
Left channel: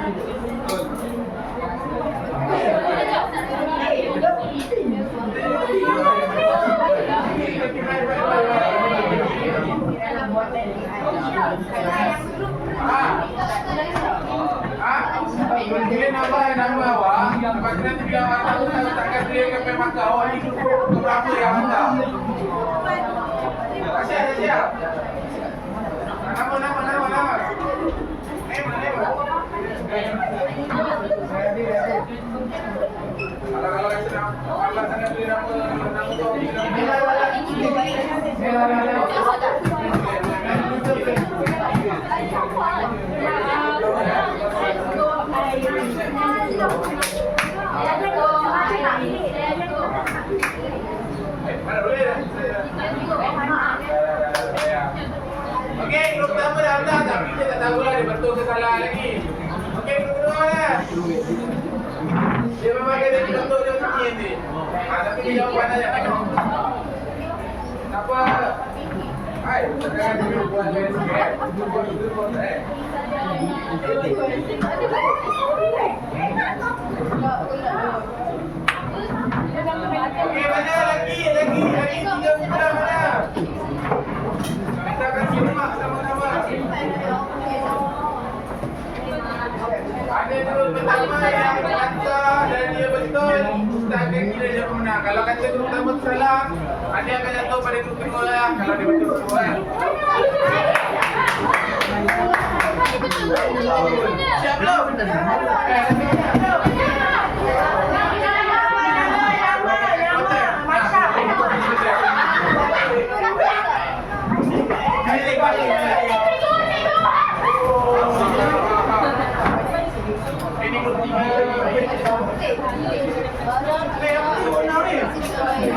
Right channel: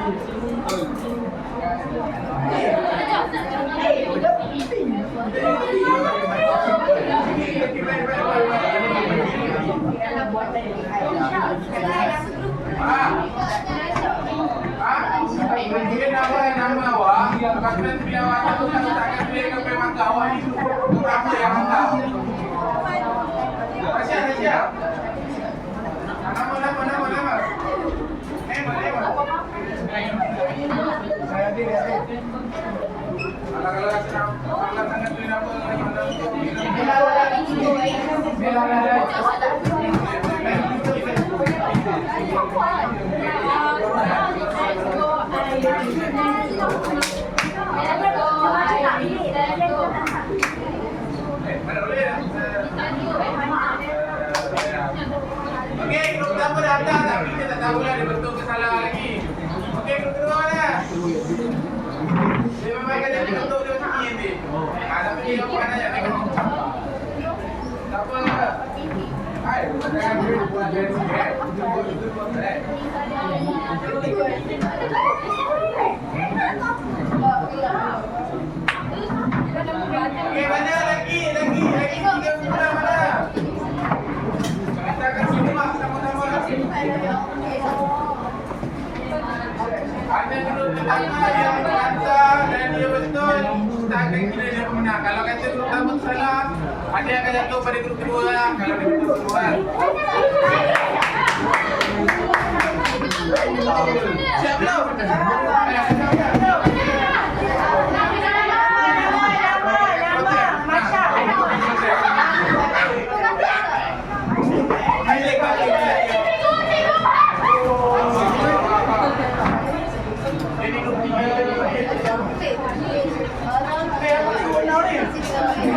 Bila nama awak, kalau nanti bila awak tahu tak akan pilih ke mangga awak ni berapa yang mangga. Masih ada siap? Nama. Kalau rasa nak Allah sangat pilih nama Okey, grup pertama dah hantar tapi kita tak tahulah dia betul ke salah lagi. Okey, grup kedua lah. Dia memang kata dia betul dia macam ni nanti. Tapi dia jawapan aja tengok. Tak apa. Hai, jangan buat dia sikit. Kita buat Okey, mana lagi 3 bulan mana? Kita akan simak sama-sama. Ada grup pertama yang lancar dan dia betul, kita akan kira dia pemenang. Kalau kata grup pertama tu salah, ada akan jatuh pada grup kedua lah. Kalau dia betul kedua kan. Siap belum?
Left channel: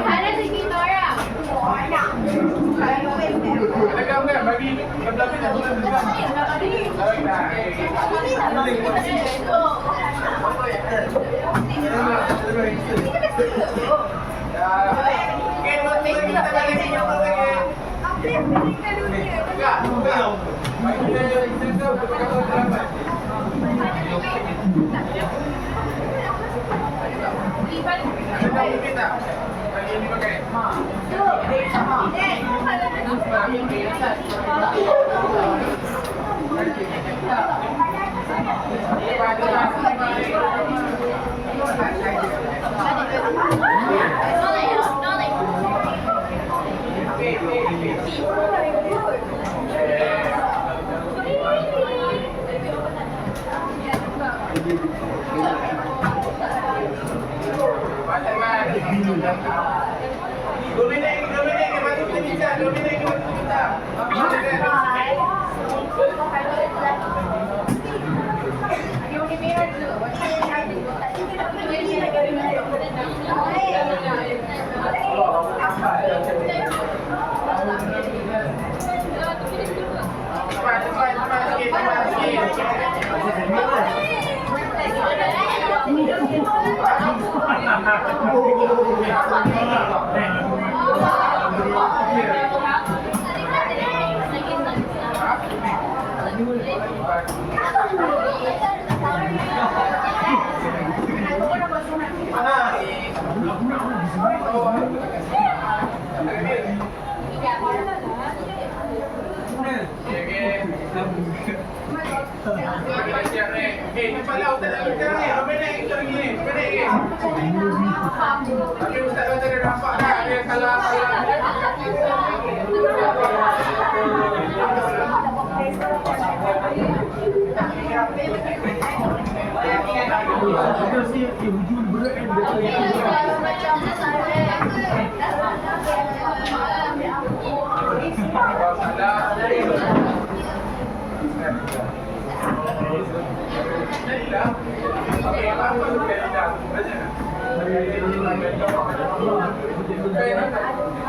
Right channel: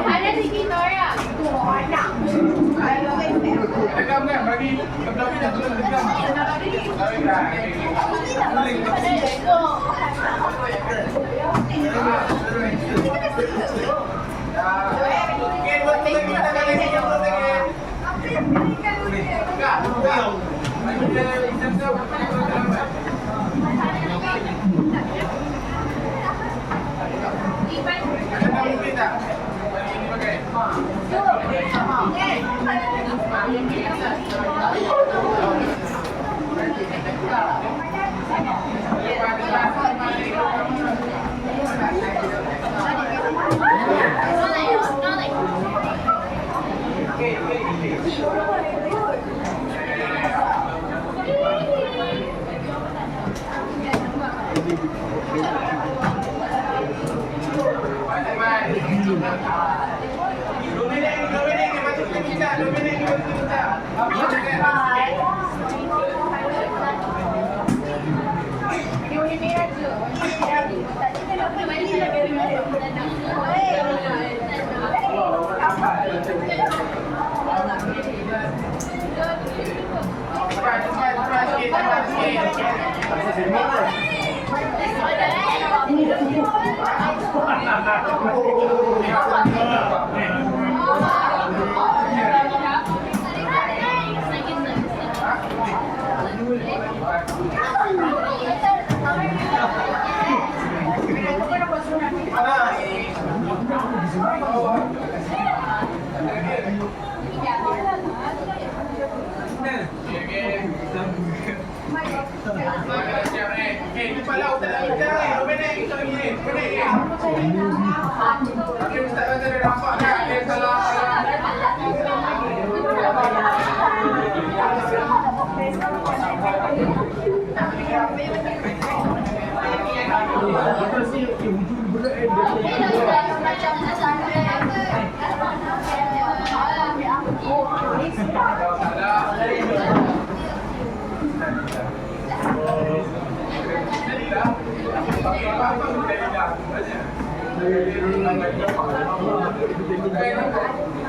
Ada di Victoria. Ada gam kan? Bagi belah ni dah gam. Tarik dah. Okey, buat ni kita balik ni. Enggak. Bagi dia sensor pakai terlambat. Ada tak mungkin tak? Hari ini pakai. Dominik ni masuk kita. Dominik ni masuk kita. Cepat sikit. Cepatlah Ustaz nak bincang ni. 2 minit kita lagi ni. 2 minit ni. Tapi Ustaz kata dia nampak dah. Dia salah.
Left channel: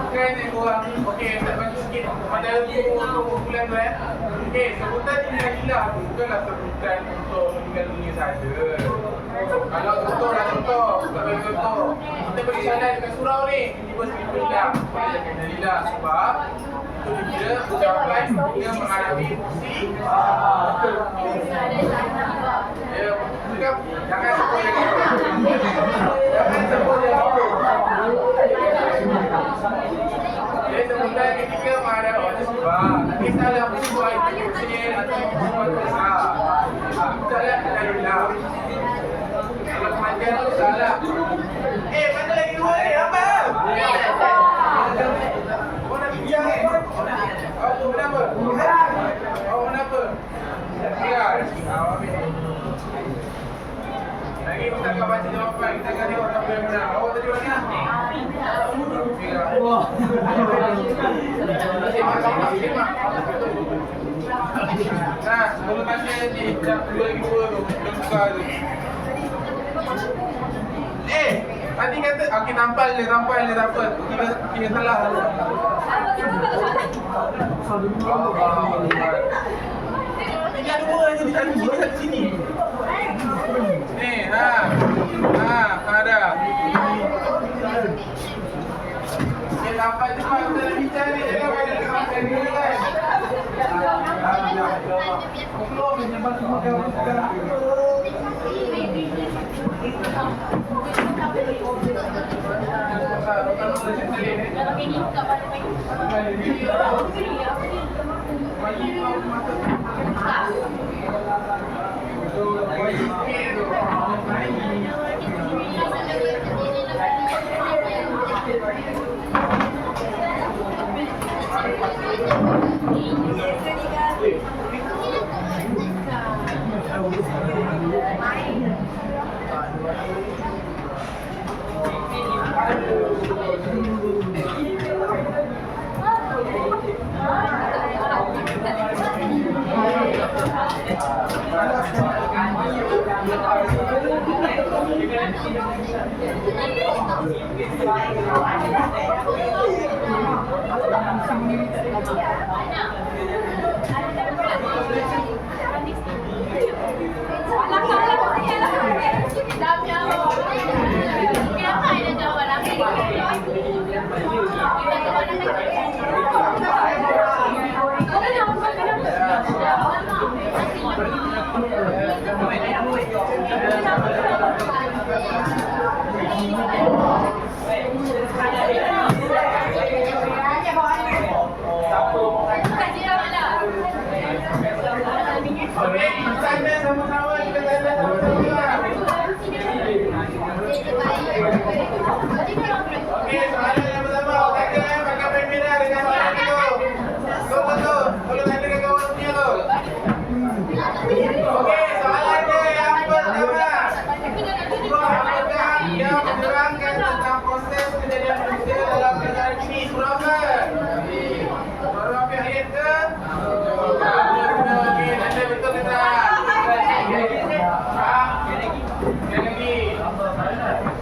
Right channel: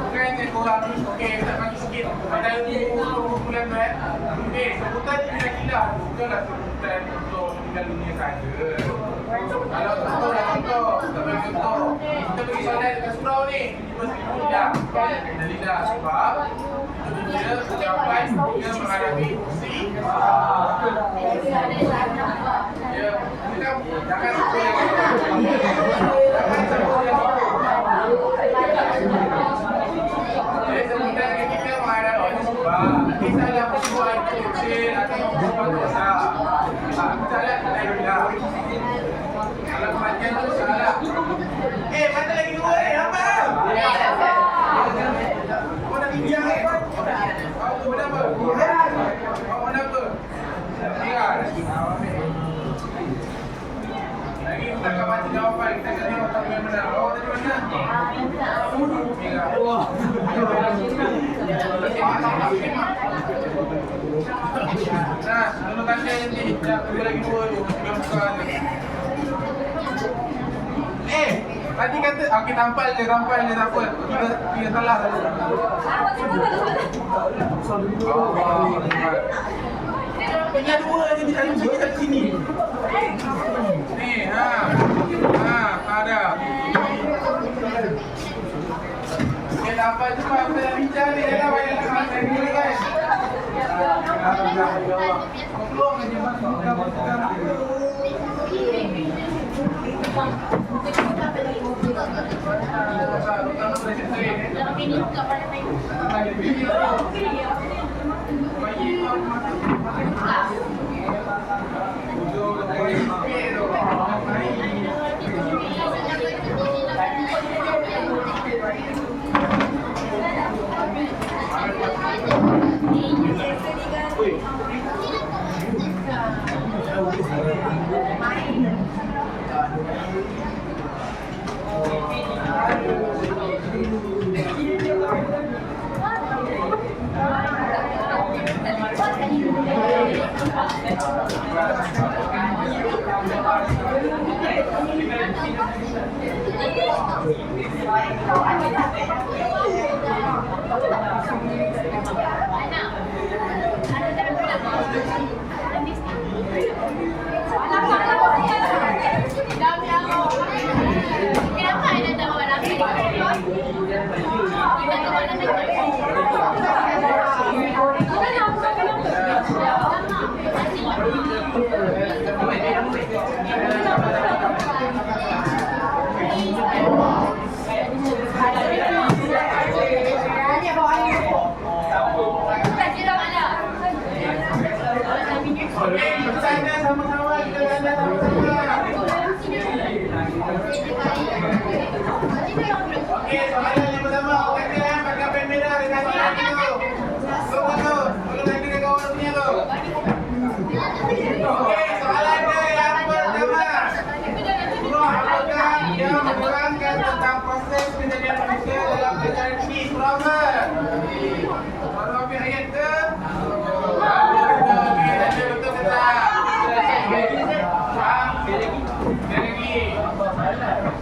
Bukan yang korang ni. Okey, tak bagi sikit. Pada 20 bulan tu okey, sebutan ni gila. Bukanlah sebutan untuk meninggal dunia saja. Kalau contoh lah contoh. Kita bagi contoh. Kita beri soalan dekat surau ni. Tiba seribu dah. Alhamdulillah. Sebab itu dia ucapan dia menghadapi fungsi. Ya, jangan sebut yang itu. Jangan sebut yang itu. Jadi sebutan ketika menghadapi musibah. Tak kisahlah musibah itu kecil atau musibah itu besar. Salah Alhamdulillah. Kalau kematian itu salah. Mana lagi dua ni? Apa? Kau nak bincang ni? Kau kenapa? Kau kenapa? Ya. Lagi kita akan baca jawapan. Kita akan tengok siapa yang menang. Awak tadi mana? Semak. Nah, sebelum tanya nanti. Sekejap, dua lagi dua tu. Belum buka tu. Tadi kata, okey tampal je, tak apa. Kira salah. Ini ada dua lagi di satu sini. Ni, ada. Okey, tampal cepat. Kita nak bincang ni. Jangan banyak kemas ni kan. Keluar menyebar bukan. Ini buka pada Okey, tanda sama-sama, kita tanda sama-sama. Okey, soalan yang pertama, katakan pakai pen merah dengan soalan itu. Tunggu, tolong tanda ke kawan punya tu. Okey, soalan dia yang pertama. Surah apakah yang menerangkan tentang proses kejadian manusia dalam perkara ini? Surah apa? Surah apa ayat ke? Okey, tanda betul ke tak?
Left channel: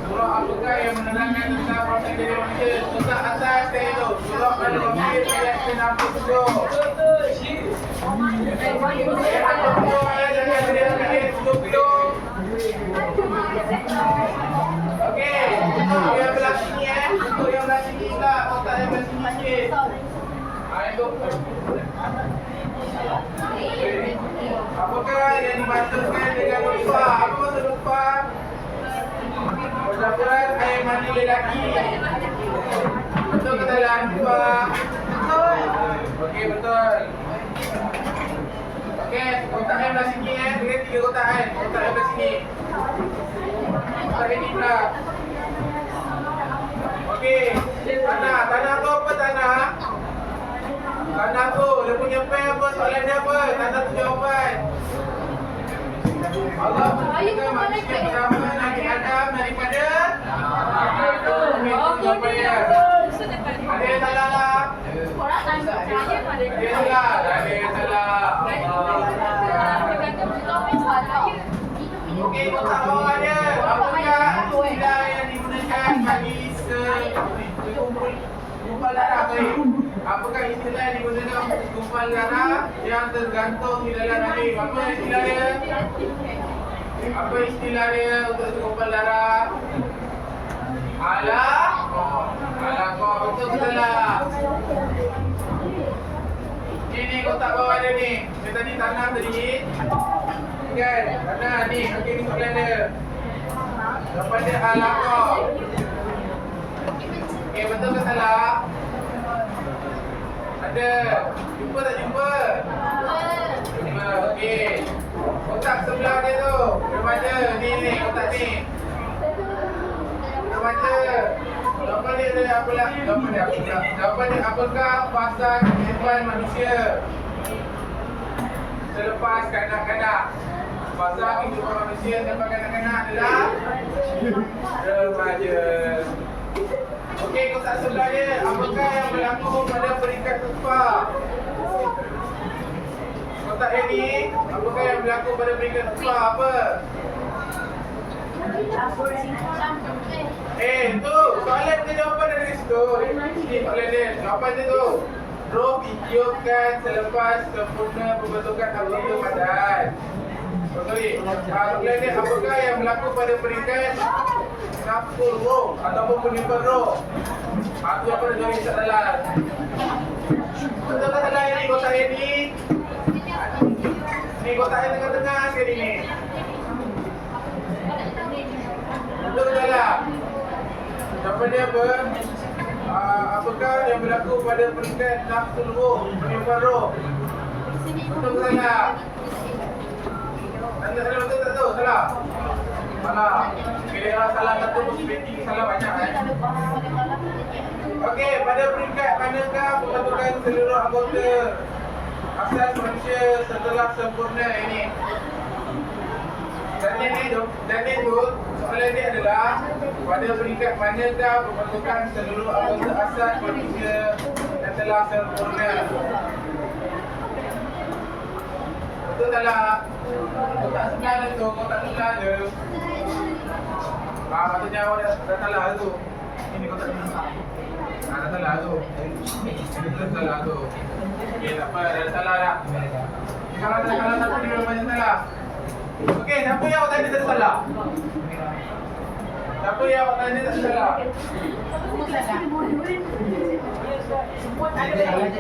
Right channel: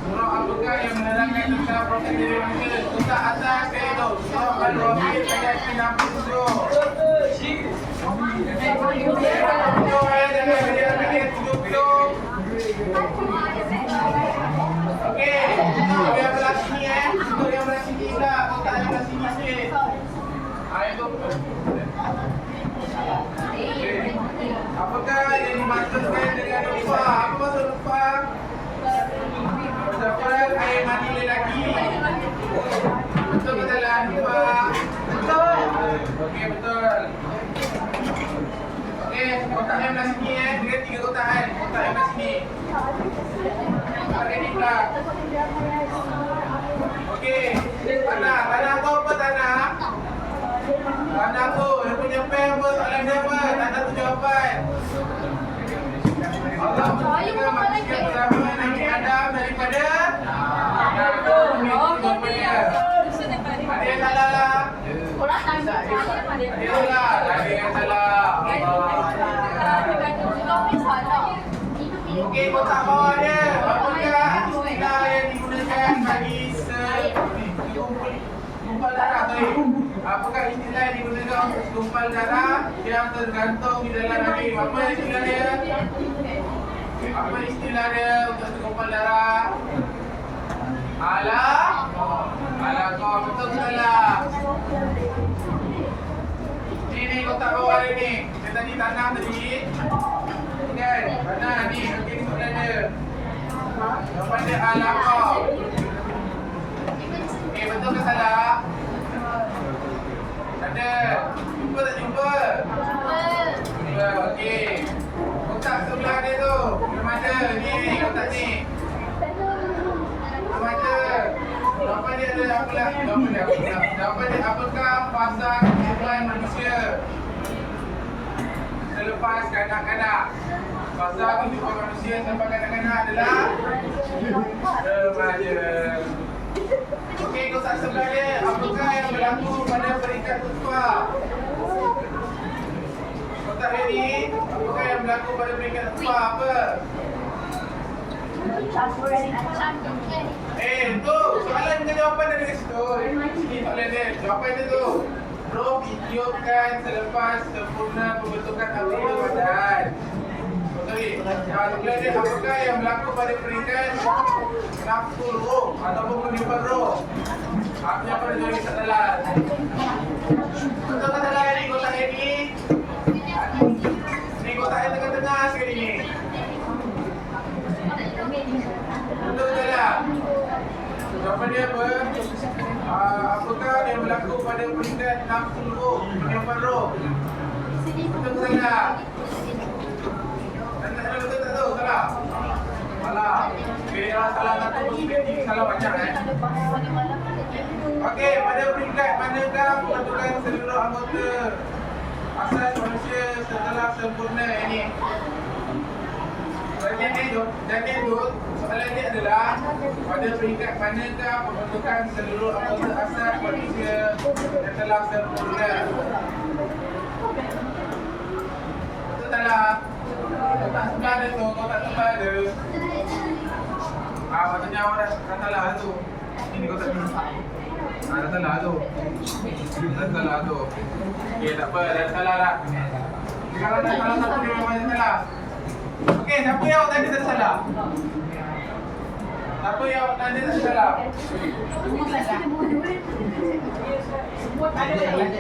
Surah apakah yang menerangkan tentang proses kejadian manusia? Surah atas saya itu. Surah Al-Rahim ayat ke-67. Okey, untuk yang belah sini untuk yang belah sini tak, kotak yang belah sini sikit. Itu. Apakah yang dimaksudkan dengan lupa? Apa maksud lupa? Percampuran air mani lelaki. Betul ke salah? Lupa. Betul. Okey, betul. Okey, kotak yang belah sini dengan 3 kotak kan. Kotak yang belah sini. Kotak ini pula. Okey, tanah tu apa tanah? Tanah tu, dia punya pen apa? Soalan dia apa? Tanah tu jawapan. Allah menciptakan manusia pertama Nabi Adam daripada jawapannya. Ada yang salah lah? Ada yang salah? Ada yang salah. Okey, kotak bawah dia. Apakah istilah yang digunakan bagi gumpal darah tadi? Apakah istilah yang digunakan untuk gumpal darah yang tergantung di dalam rahim? Apa istilah dia? Apa istilah dia untuk gumpal darah? Alaqah, betul ke salah? Ini kotak bawah dia ni. Dia tadi tanah tadi. Kan? Tanah ni. Okey, soalan dia. Jawapan dia alaqah. Okey, betul ke salah? Ada. Jumpa tak jumpa? Jumpa. Okey. Kotak sebelah dia tu. Dia mana? Ni, kotak ni. Dia mana? Jawapan dia ada apa lah? Jawapan dia apakah fasa kehidupan manusia selepas kanak-kanak? Fasa kehidupan manusia selepas kanak-kanak adalah remaja. Okey, kotak sebelah dia, apakah yang berlaku pada peringkat ketua? Kotak dia ni, apakah yang berlaku pada peringkat ketua? Apa? Tu soalan ke jawapan ada di situ. Ini soalan dia, jawapan dia tu. Roh ditiupkan selepas sempurna pembentukan anggota badan. Soalan dia, apakah yang berlaku pada peringkat nafsu roh ataupun penimpan roh? Apa yang pada jadi salah? Betul tak salah ni kotak ini? Ni kotak yang tengah-tengah sekali ni. Betul tak salah? Jawapan dia apa? Apakah yang berlaku pada peringkat nafsu roh, penimpan roh? Betul tak salah? Salah betul tak tu? Salah? Salah. Okey, salah satu positif, salah banyak Okey, pada peringkat manakah pembentukan seluruh anggota asas manusia setelah sempurna ini? Jadi tu, soalan dia adalah pada peringkat manakah pembentukan seluruh anggota asas manusia setelah sempurna? Betul tak lah? Kotak sebelah dia tu, kotak sebelah dia. Maksudnya awak dah salah tu. Ini kotak ni. Dah salah tu. Dah salah tu. Okey, tak apa, dah salah dah. Kalau dah salah satu dia memang salah. Okey, siapa yang awak tadi tak salah? Siapa yang awak tadi tak salah? Sebut ada lagi.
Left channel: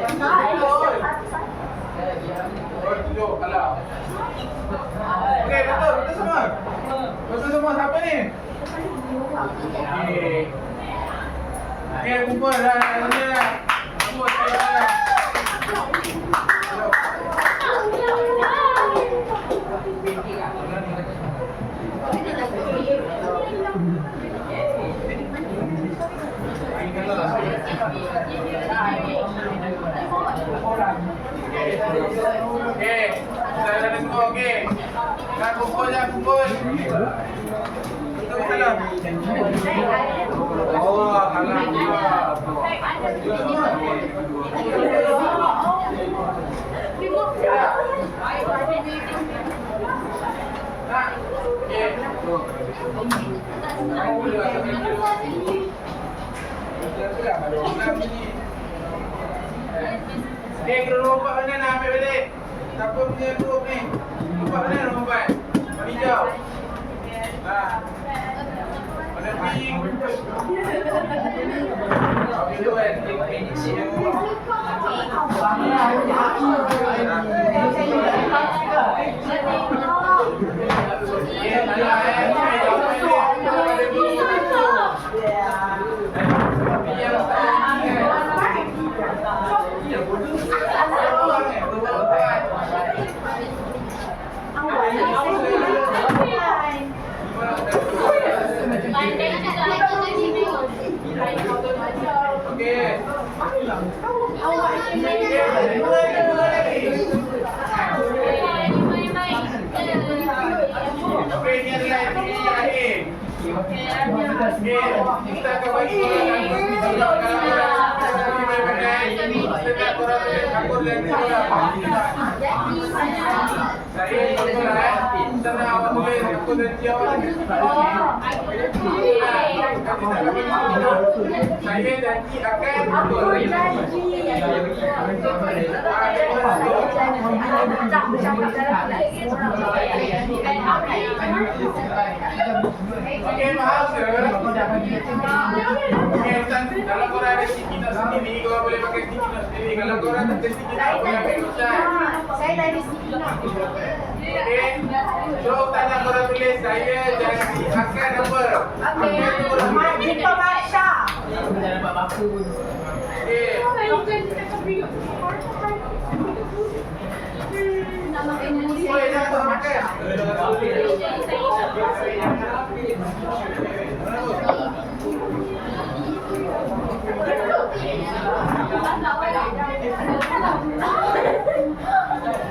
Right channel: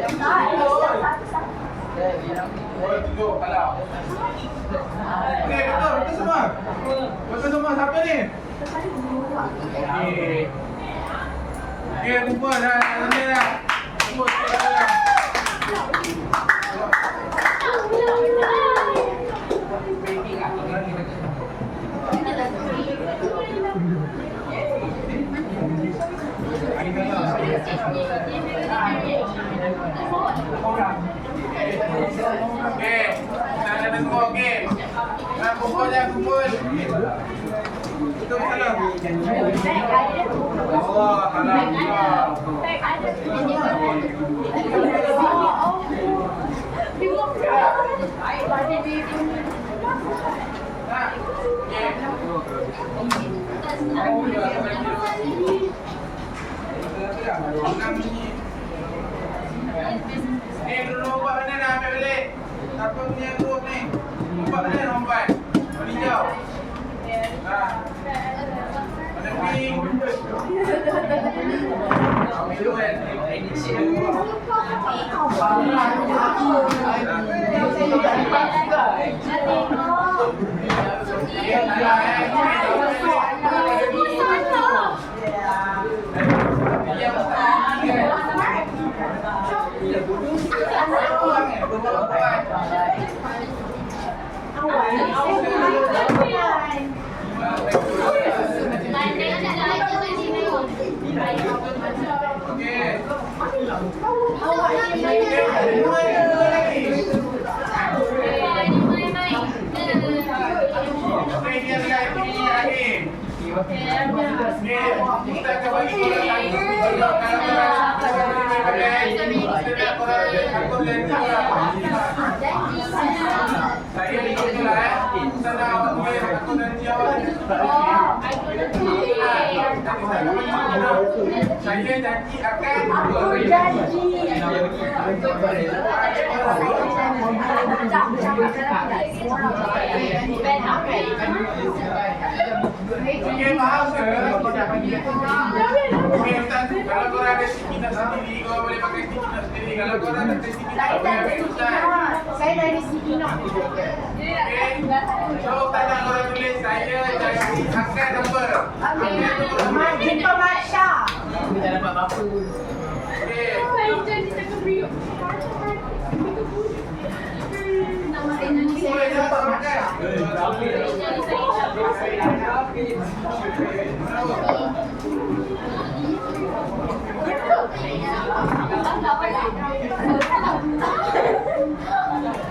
Oh, tujuh, salah. Okey, betul semua. Betul semua siapa ni? Okey. Okey, kumpul dah. Ini dah. Kumpul dah. Okey, dah ada kumpul okey. Dah kumpul dah kumpul. Betul betul lah. Allah alhamdulillah. Nombor 4 mana nak ambil balik? Siapa punya group ni? Nombor 4 mana nombor 4? Warna hijau. Warna pink. Ambil dulu kan? Kita akan bagi korang saya ikutlah sana awak boleh aku janji awak saya janji akan okey faham ke? Okey Ustaz, kalau korang ada sikit nak sendiri korang boleh pakai sikit nak sendiri. Kalau korang tak ada sikit nak boleh ambil Ustaz. Saya dah ada sikit nak. Okey. So tanya korang tulis saya janji akan apa? Majid Pemasya. Dah dapat apa pun. Okey. Boleh dapat makan.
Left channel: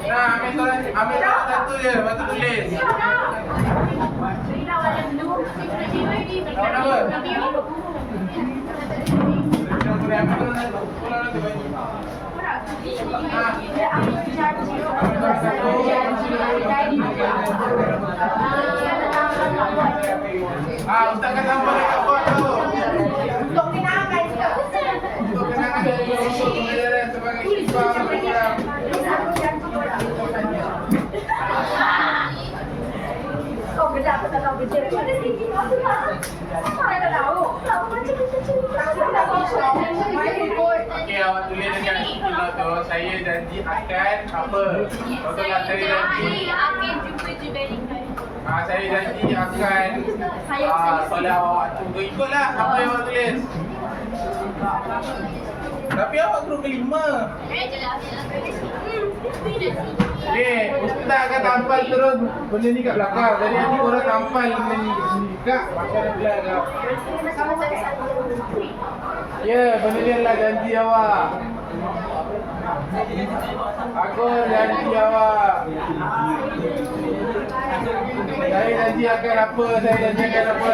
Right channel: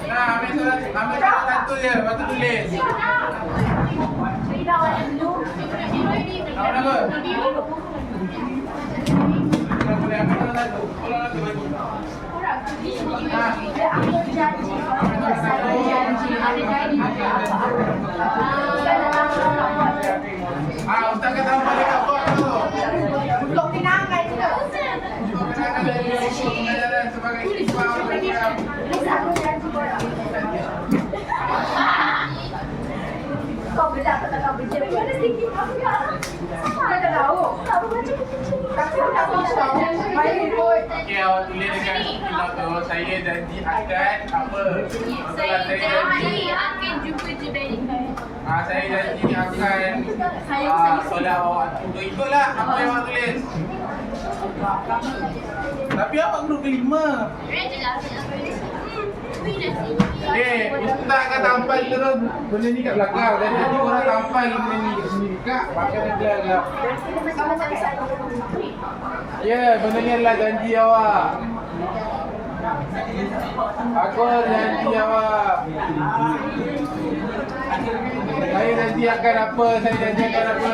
Nah, ambil satu je, lepas tu tulis. Nama apa? Jangan boleh ambil satu. Pulang lagi bagi. Ustaz kata apa dekat bot tu? Untuk kenangan juga. Untuk kenangan dari pengajaran sebagai siswa program. Kau bedak tak tahu kerja. Mana sikit apa ya? Mana dah tahu? Tahu macam kecil. Tapi tak bisa. Main ikut. Okey, awak tulis dekat kilau tu, saya janji akan apa? Betul lah, saya janji. Akan jumpa je verify. Saya janji akan solat awak tu. Ikutlah apa yang awak tulis. Tapi awak group kelima. Ustaz kan tampal terus benda ni kat belakang. Jadi nanti orang tampal benda ni kat sini. Kak, macam dia adalah. Ya, benda ni adalah janji awak. Aku janji awak. Saya janji akan apa? Saya janji akan apa?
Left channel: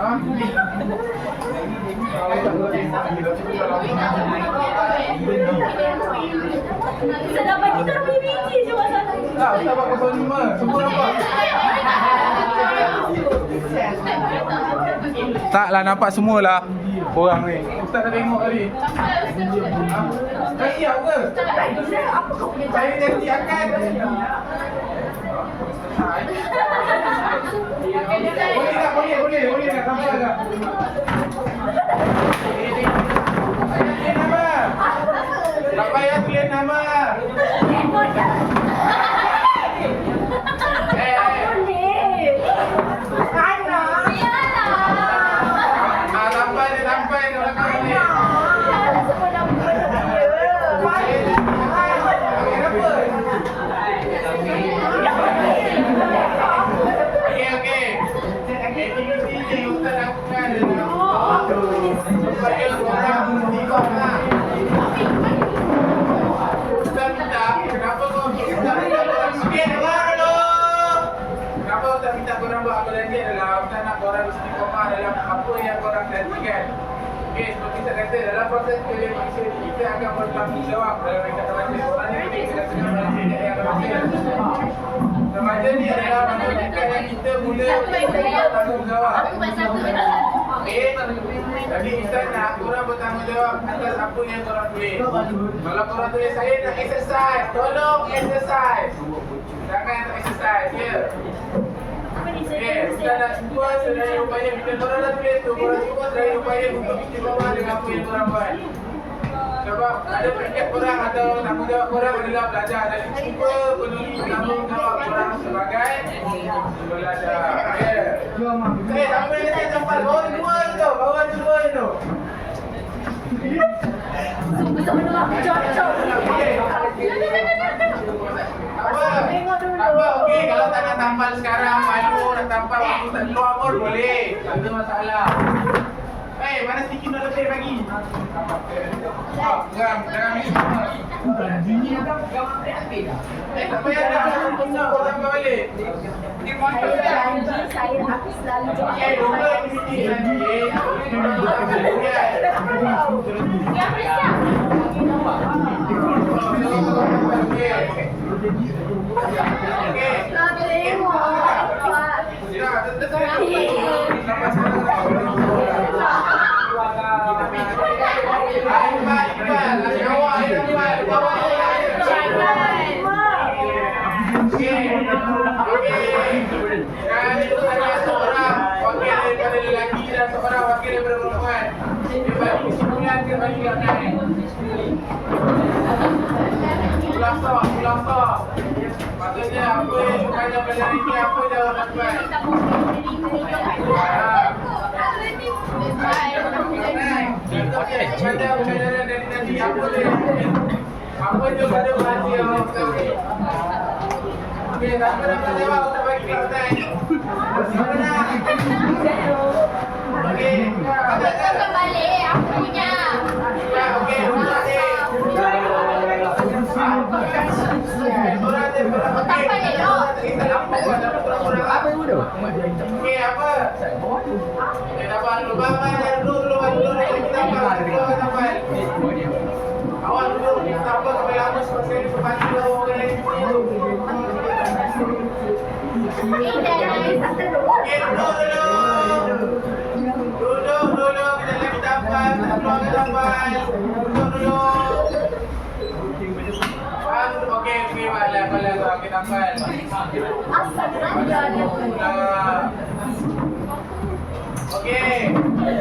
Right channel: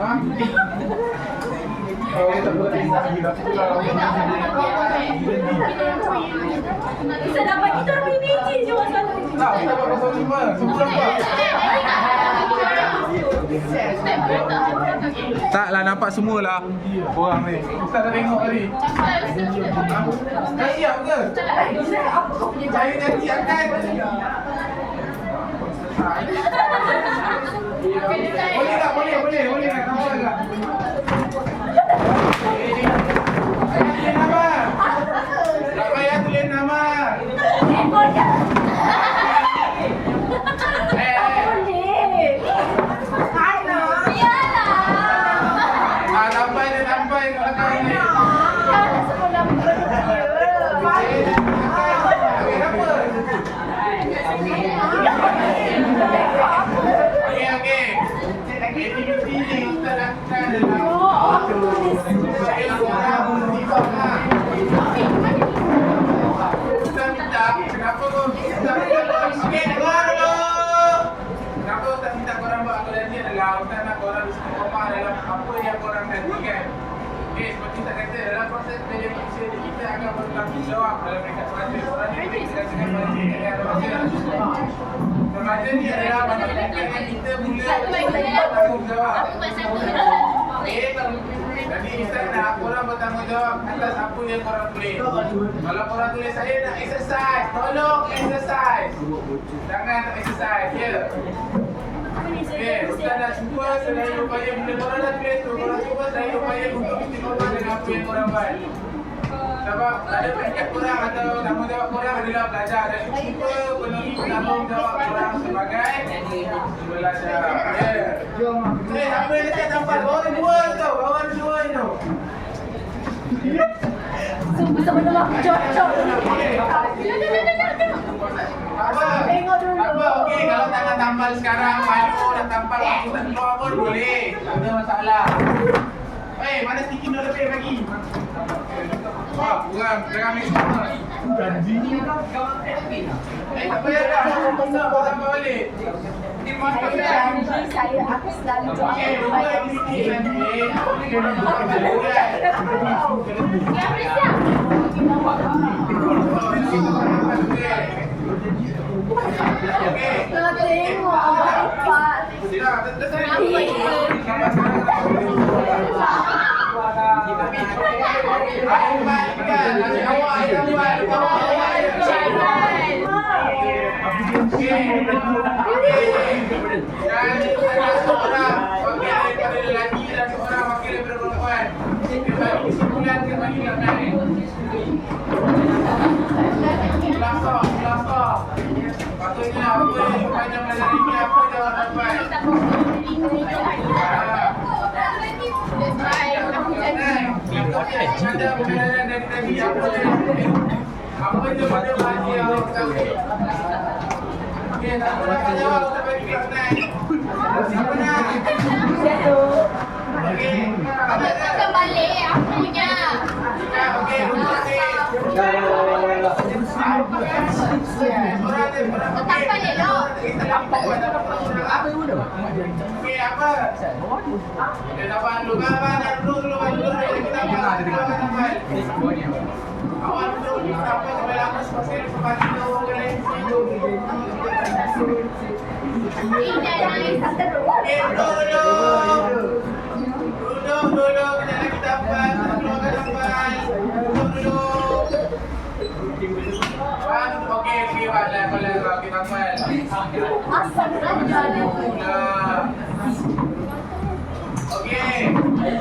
Ha? Kita dapat kita lebih biji je masa tu. Tak, Ustaz dapat 05. Semua dapat. Taklah nampak semualah orang ni. Ustaz dah tengok tadi. Ha? Dah siap ke? Apa kau punya Saya janji akan. Boleh tak? Boleh tak? Nampak tak? Ayat dia nama. Tak Aktiviti ni Ustaz lakukan adalah supaya korang bersifat. Ustaz minta, kenapa kau minta korang sikit dulu? Kenapa Ustaz minta korang buat apa tadi adalah Ustaz nak korang istiqomah dalam apa yang korang janjikan. Okey, seperti saya kata, dalam proses televisi kita akan bertanggungjawab dalam dekat remaja. Korang ni boleh sedang-sedang remaja yang remaja. Remaja ni adalah manusia yang kita mula bertanggungjawab. Okey, jadi Ustaz nak korang bertanggungjawab atas apa yang korang tulis. Kalau korang tulis saya nak exercise, tolong exercise. Jangan tak exercise, ya. Okey, Ustaz nak cuba sedaya upaya bila korang dah tulis tu, korang cuba sedaya upaya untuk istiqomah dengan apa yang korang buat. Sebab ada peringkat korang atau tanggungjawab korang adalah belajar dan cuba penuhi tanggungjawab korang sebagai pelajar. Okey, apa yang saya tampal? Bawah ni dua tu, bawah ni dua tu. Apa? Okey, kalau tak nak tampal sekarang, malu nak tampal waktu tak keluar pun boleh. Tak ada masalah. Mana sticky note lebih bagi? Kurang ambil semua. Tak payah dah. Kau tambah balik. Janji saya aku selalu doa. Okey, lupa aktiviti janji. Kau tengok Dan itu ada seorang wakil daripada lelaki dan seorang wakil daripada perempuan. Kembali kesimpulan, kembali ke naik. Khulasa. Patutnya apa yang sepanjang pelajaran ini, apa jawapan tuan? Apa je pada bahasa yang orang ketahui? Okey, siapa nak jawab? Kita bagi kelihatan. Siapa nak? Okey. Kau balik aku punya. Okey. Tak balik dok. Okey, apa? Dapat dulu. Bapak dulu. Awak duduk, sampai sampai lama sebab saya sepatu orang lain sini. Okey, duduk dulu. Kena lagi tampal, keluarkan tampal. Duduk. Okey, balas. Okey, tampal. Asal anda ni. Okey,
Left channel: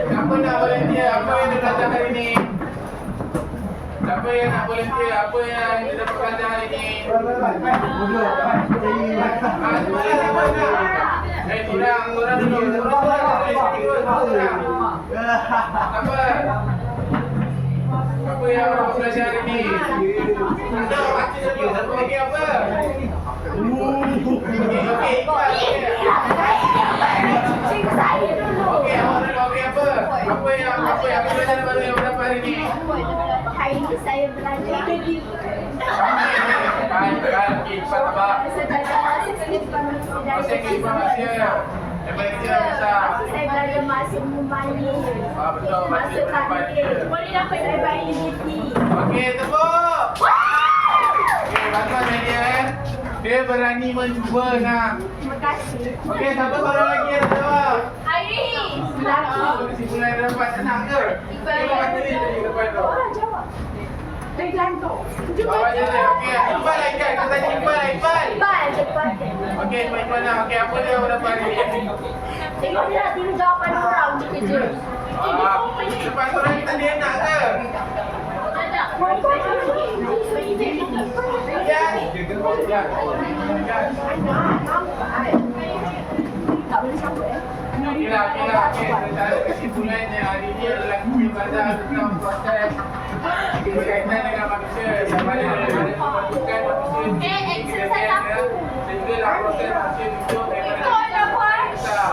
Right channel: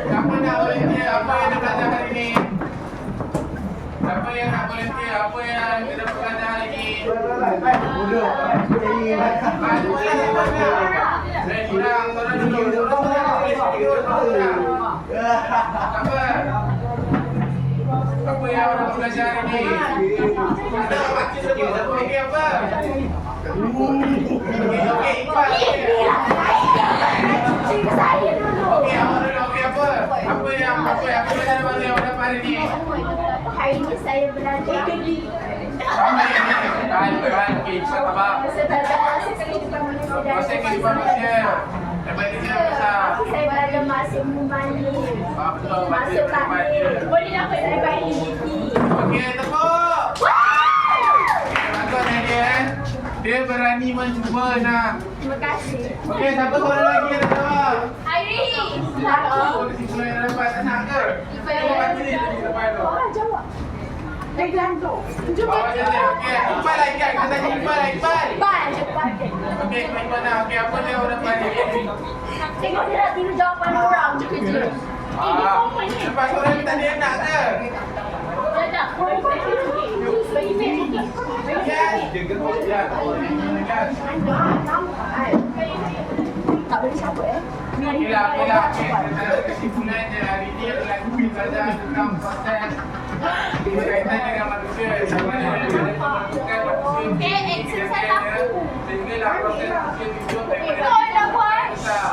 siapa nak volunteer? Apa yang dia belajar hari ni? Siapa yang nak volunteer? Apa yang kita belajar hari ni? Korang dulu. Apa yang awak belajar hari ni? Ada awak cakap siapa bagi apa? Okey, Iqbal. Saya dulu. Okey, awak dulu. Okey, apa? Apa yang belajar bagi awak dapat hari ni? Hari ini saya belajar Okey, cepat abang. Masih kehidupan manusia. Daripada kecil dan besar. Saya belajar masuk memanis. Betul, masuk kehidupan dia. Boleh dapat daripada ini. Okey, tepuk. Okey, bantuan dia. Dia berani mencuba nak. Terima kasih. Okey, siapa korang lagi yang nak jawab? Hairi. Kesimpulan yang dapat tenang ke? Kita baca ni tadi depan tu. Jawab. Dari gantung. Awak je. Okey, Iqbal lah Iqbal. Kita tanya Iqbal lah Iqbal. Cepat, cepat. Okey, Iqbal nak. Okey, apa dia awak dapat hari ni? Tengok dia nak tiru jawapan orang je kerja. Lepas orang kita dia nak ke? Tak boleh cabut Okeylah. Secara kesimpulannya hari ni adalah kita belajar tentang proses berkaitan dengan manusia. Bagaimana daripada pembentukan manusia sehinggalah proses manusia hidup daripada kita.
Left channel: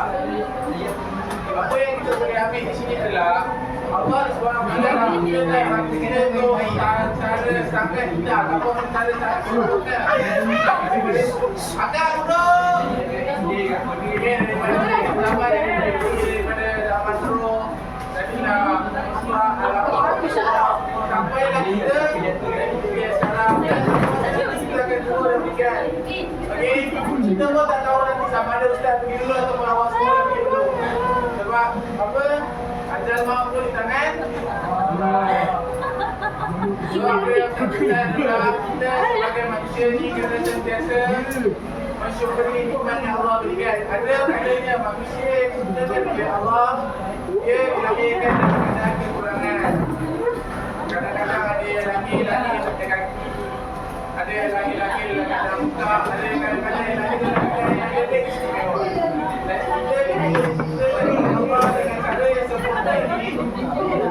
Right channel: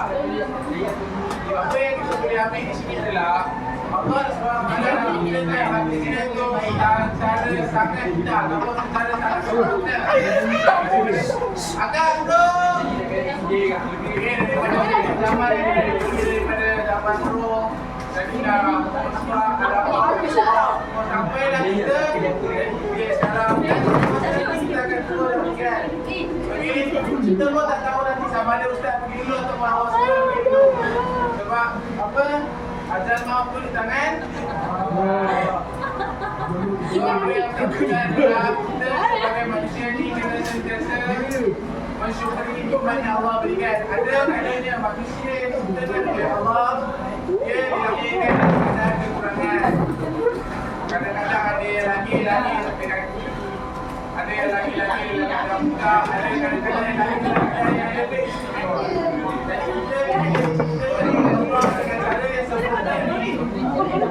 ambil di sini adalah Allah SWT mengajarkan hati kita tu cara sangat indah, apa cara sangat agak duduk. Daripada zaman roh Sayyidina Rasulullah sampailah kita sekarang kita akan turun demikian. Okey, kita pun tak tahu nanti sama ada ustaz pergi dulu atau awak semua pergi dulu. Sebab apa? Ajal maut tu di tangan Sebab apa yang kita adalah kita sebagai manusia ni kena sentiasa mensyukuri nikmat yang Allah berikan. Ada kalanya manusia kita oleh Allah dia dilahirkan dengan keadaan kekurangan. Kadang-kadang ada yang laki-laki sampai kaki, ada yang laki-laki dalam muka, ada yang kadang-kadang yang laki-laki yang lebih istimewa. Dan kita Allah dengan cara yang sempurna ini kita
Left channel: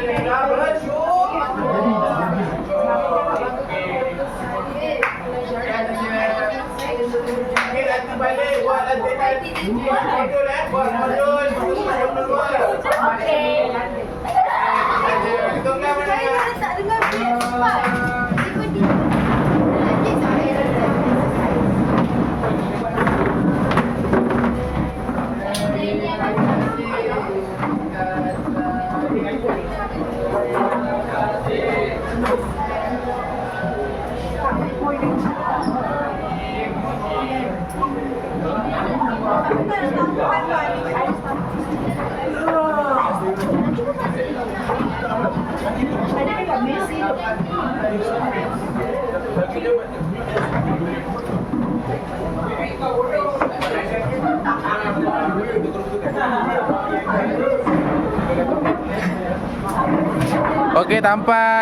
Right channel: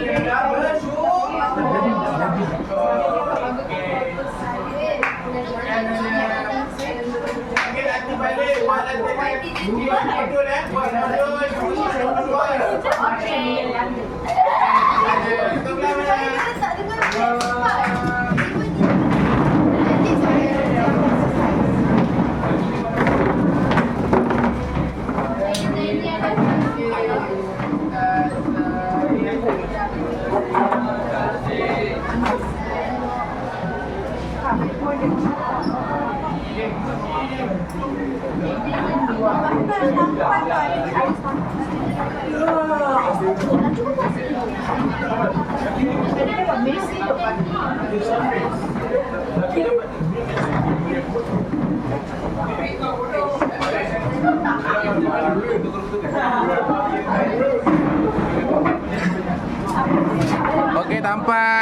kena bersyukur. Ambil hati balik, buat lantai buat modul buat modul hitunglah mana. Okey, tampan.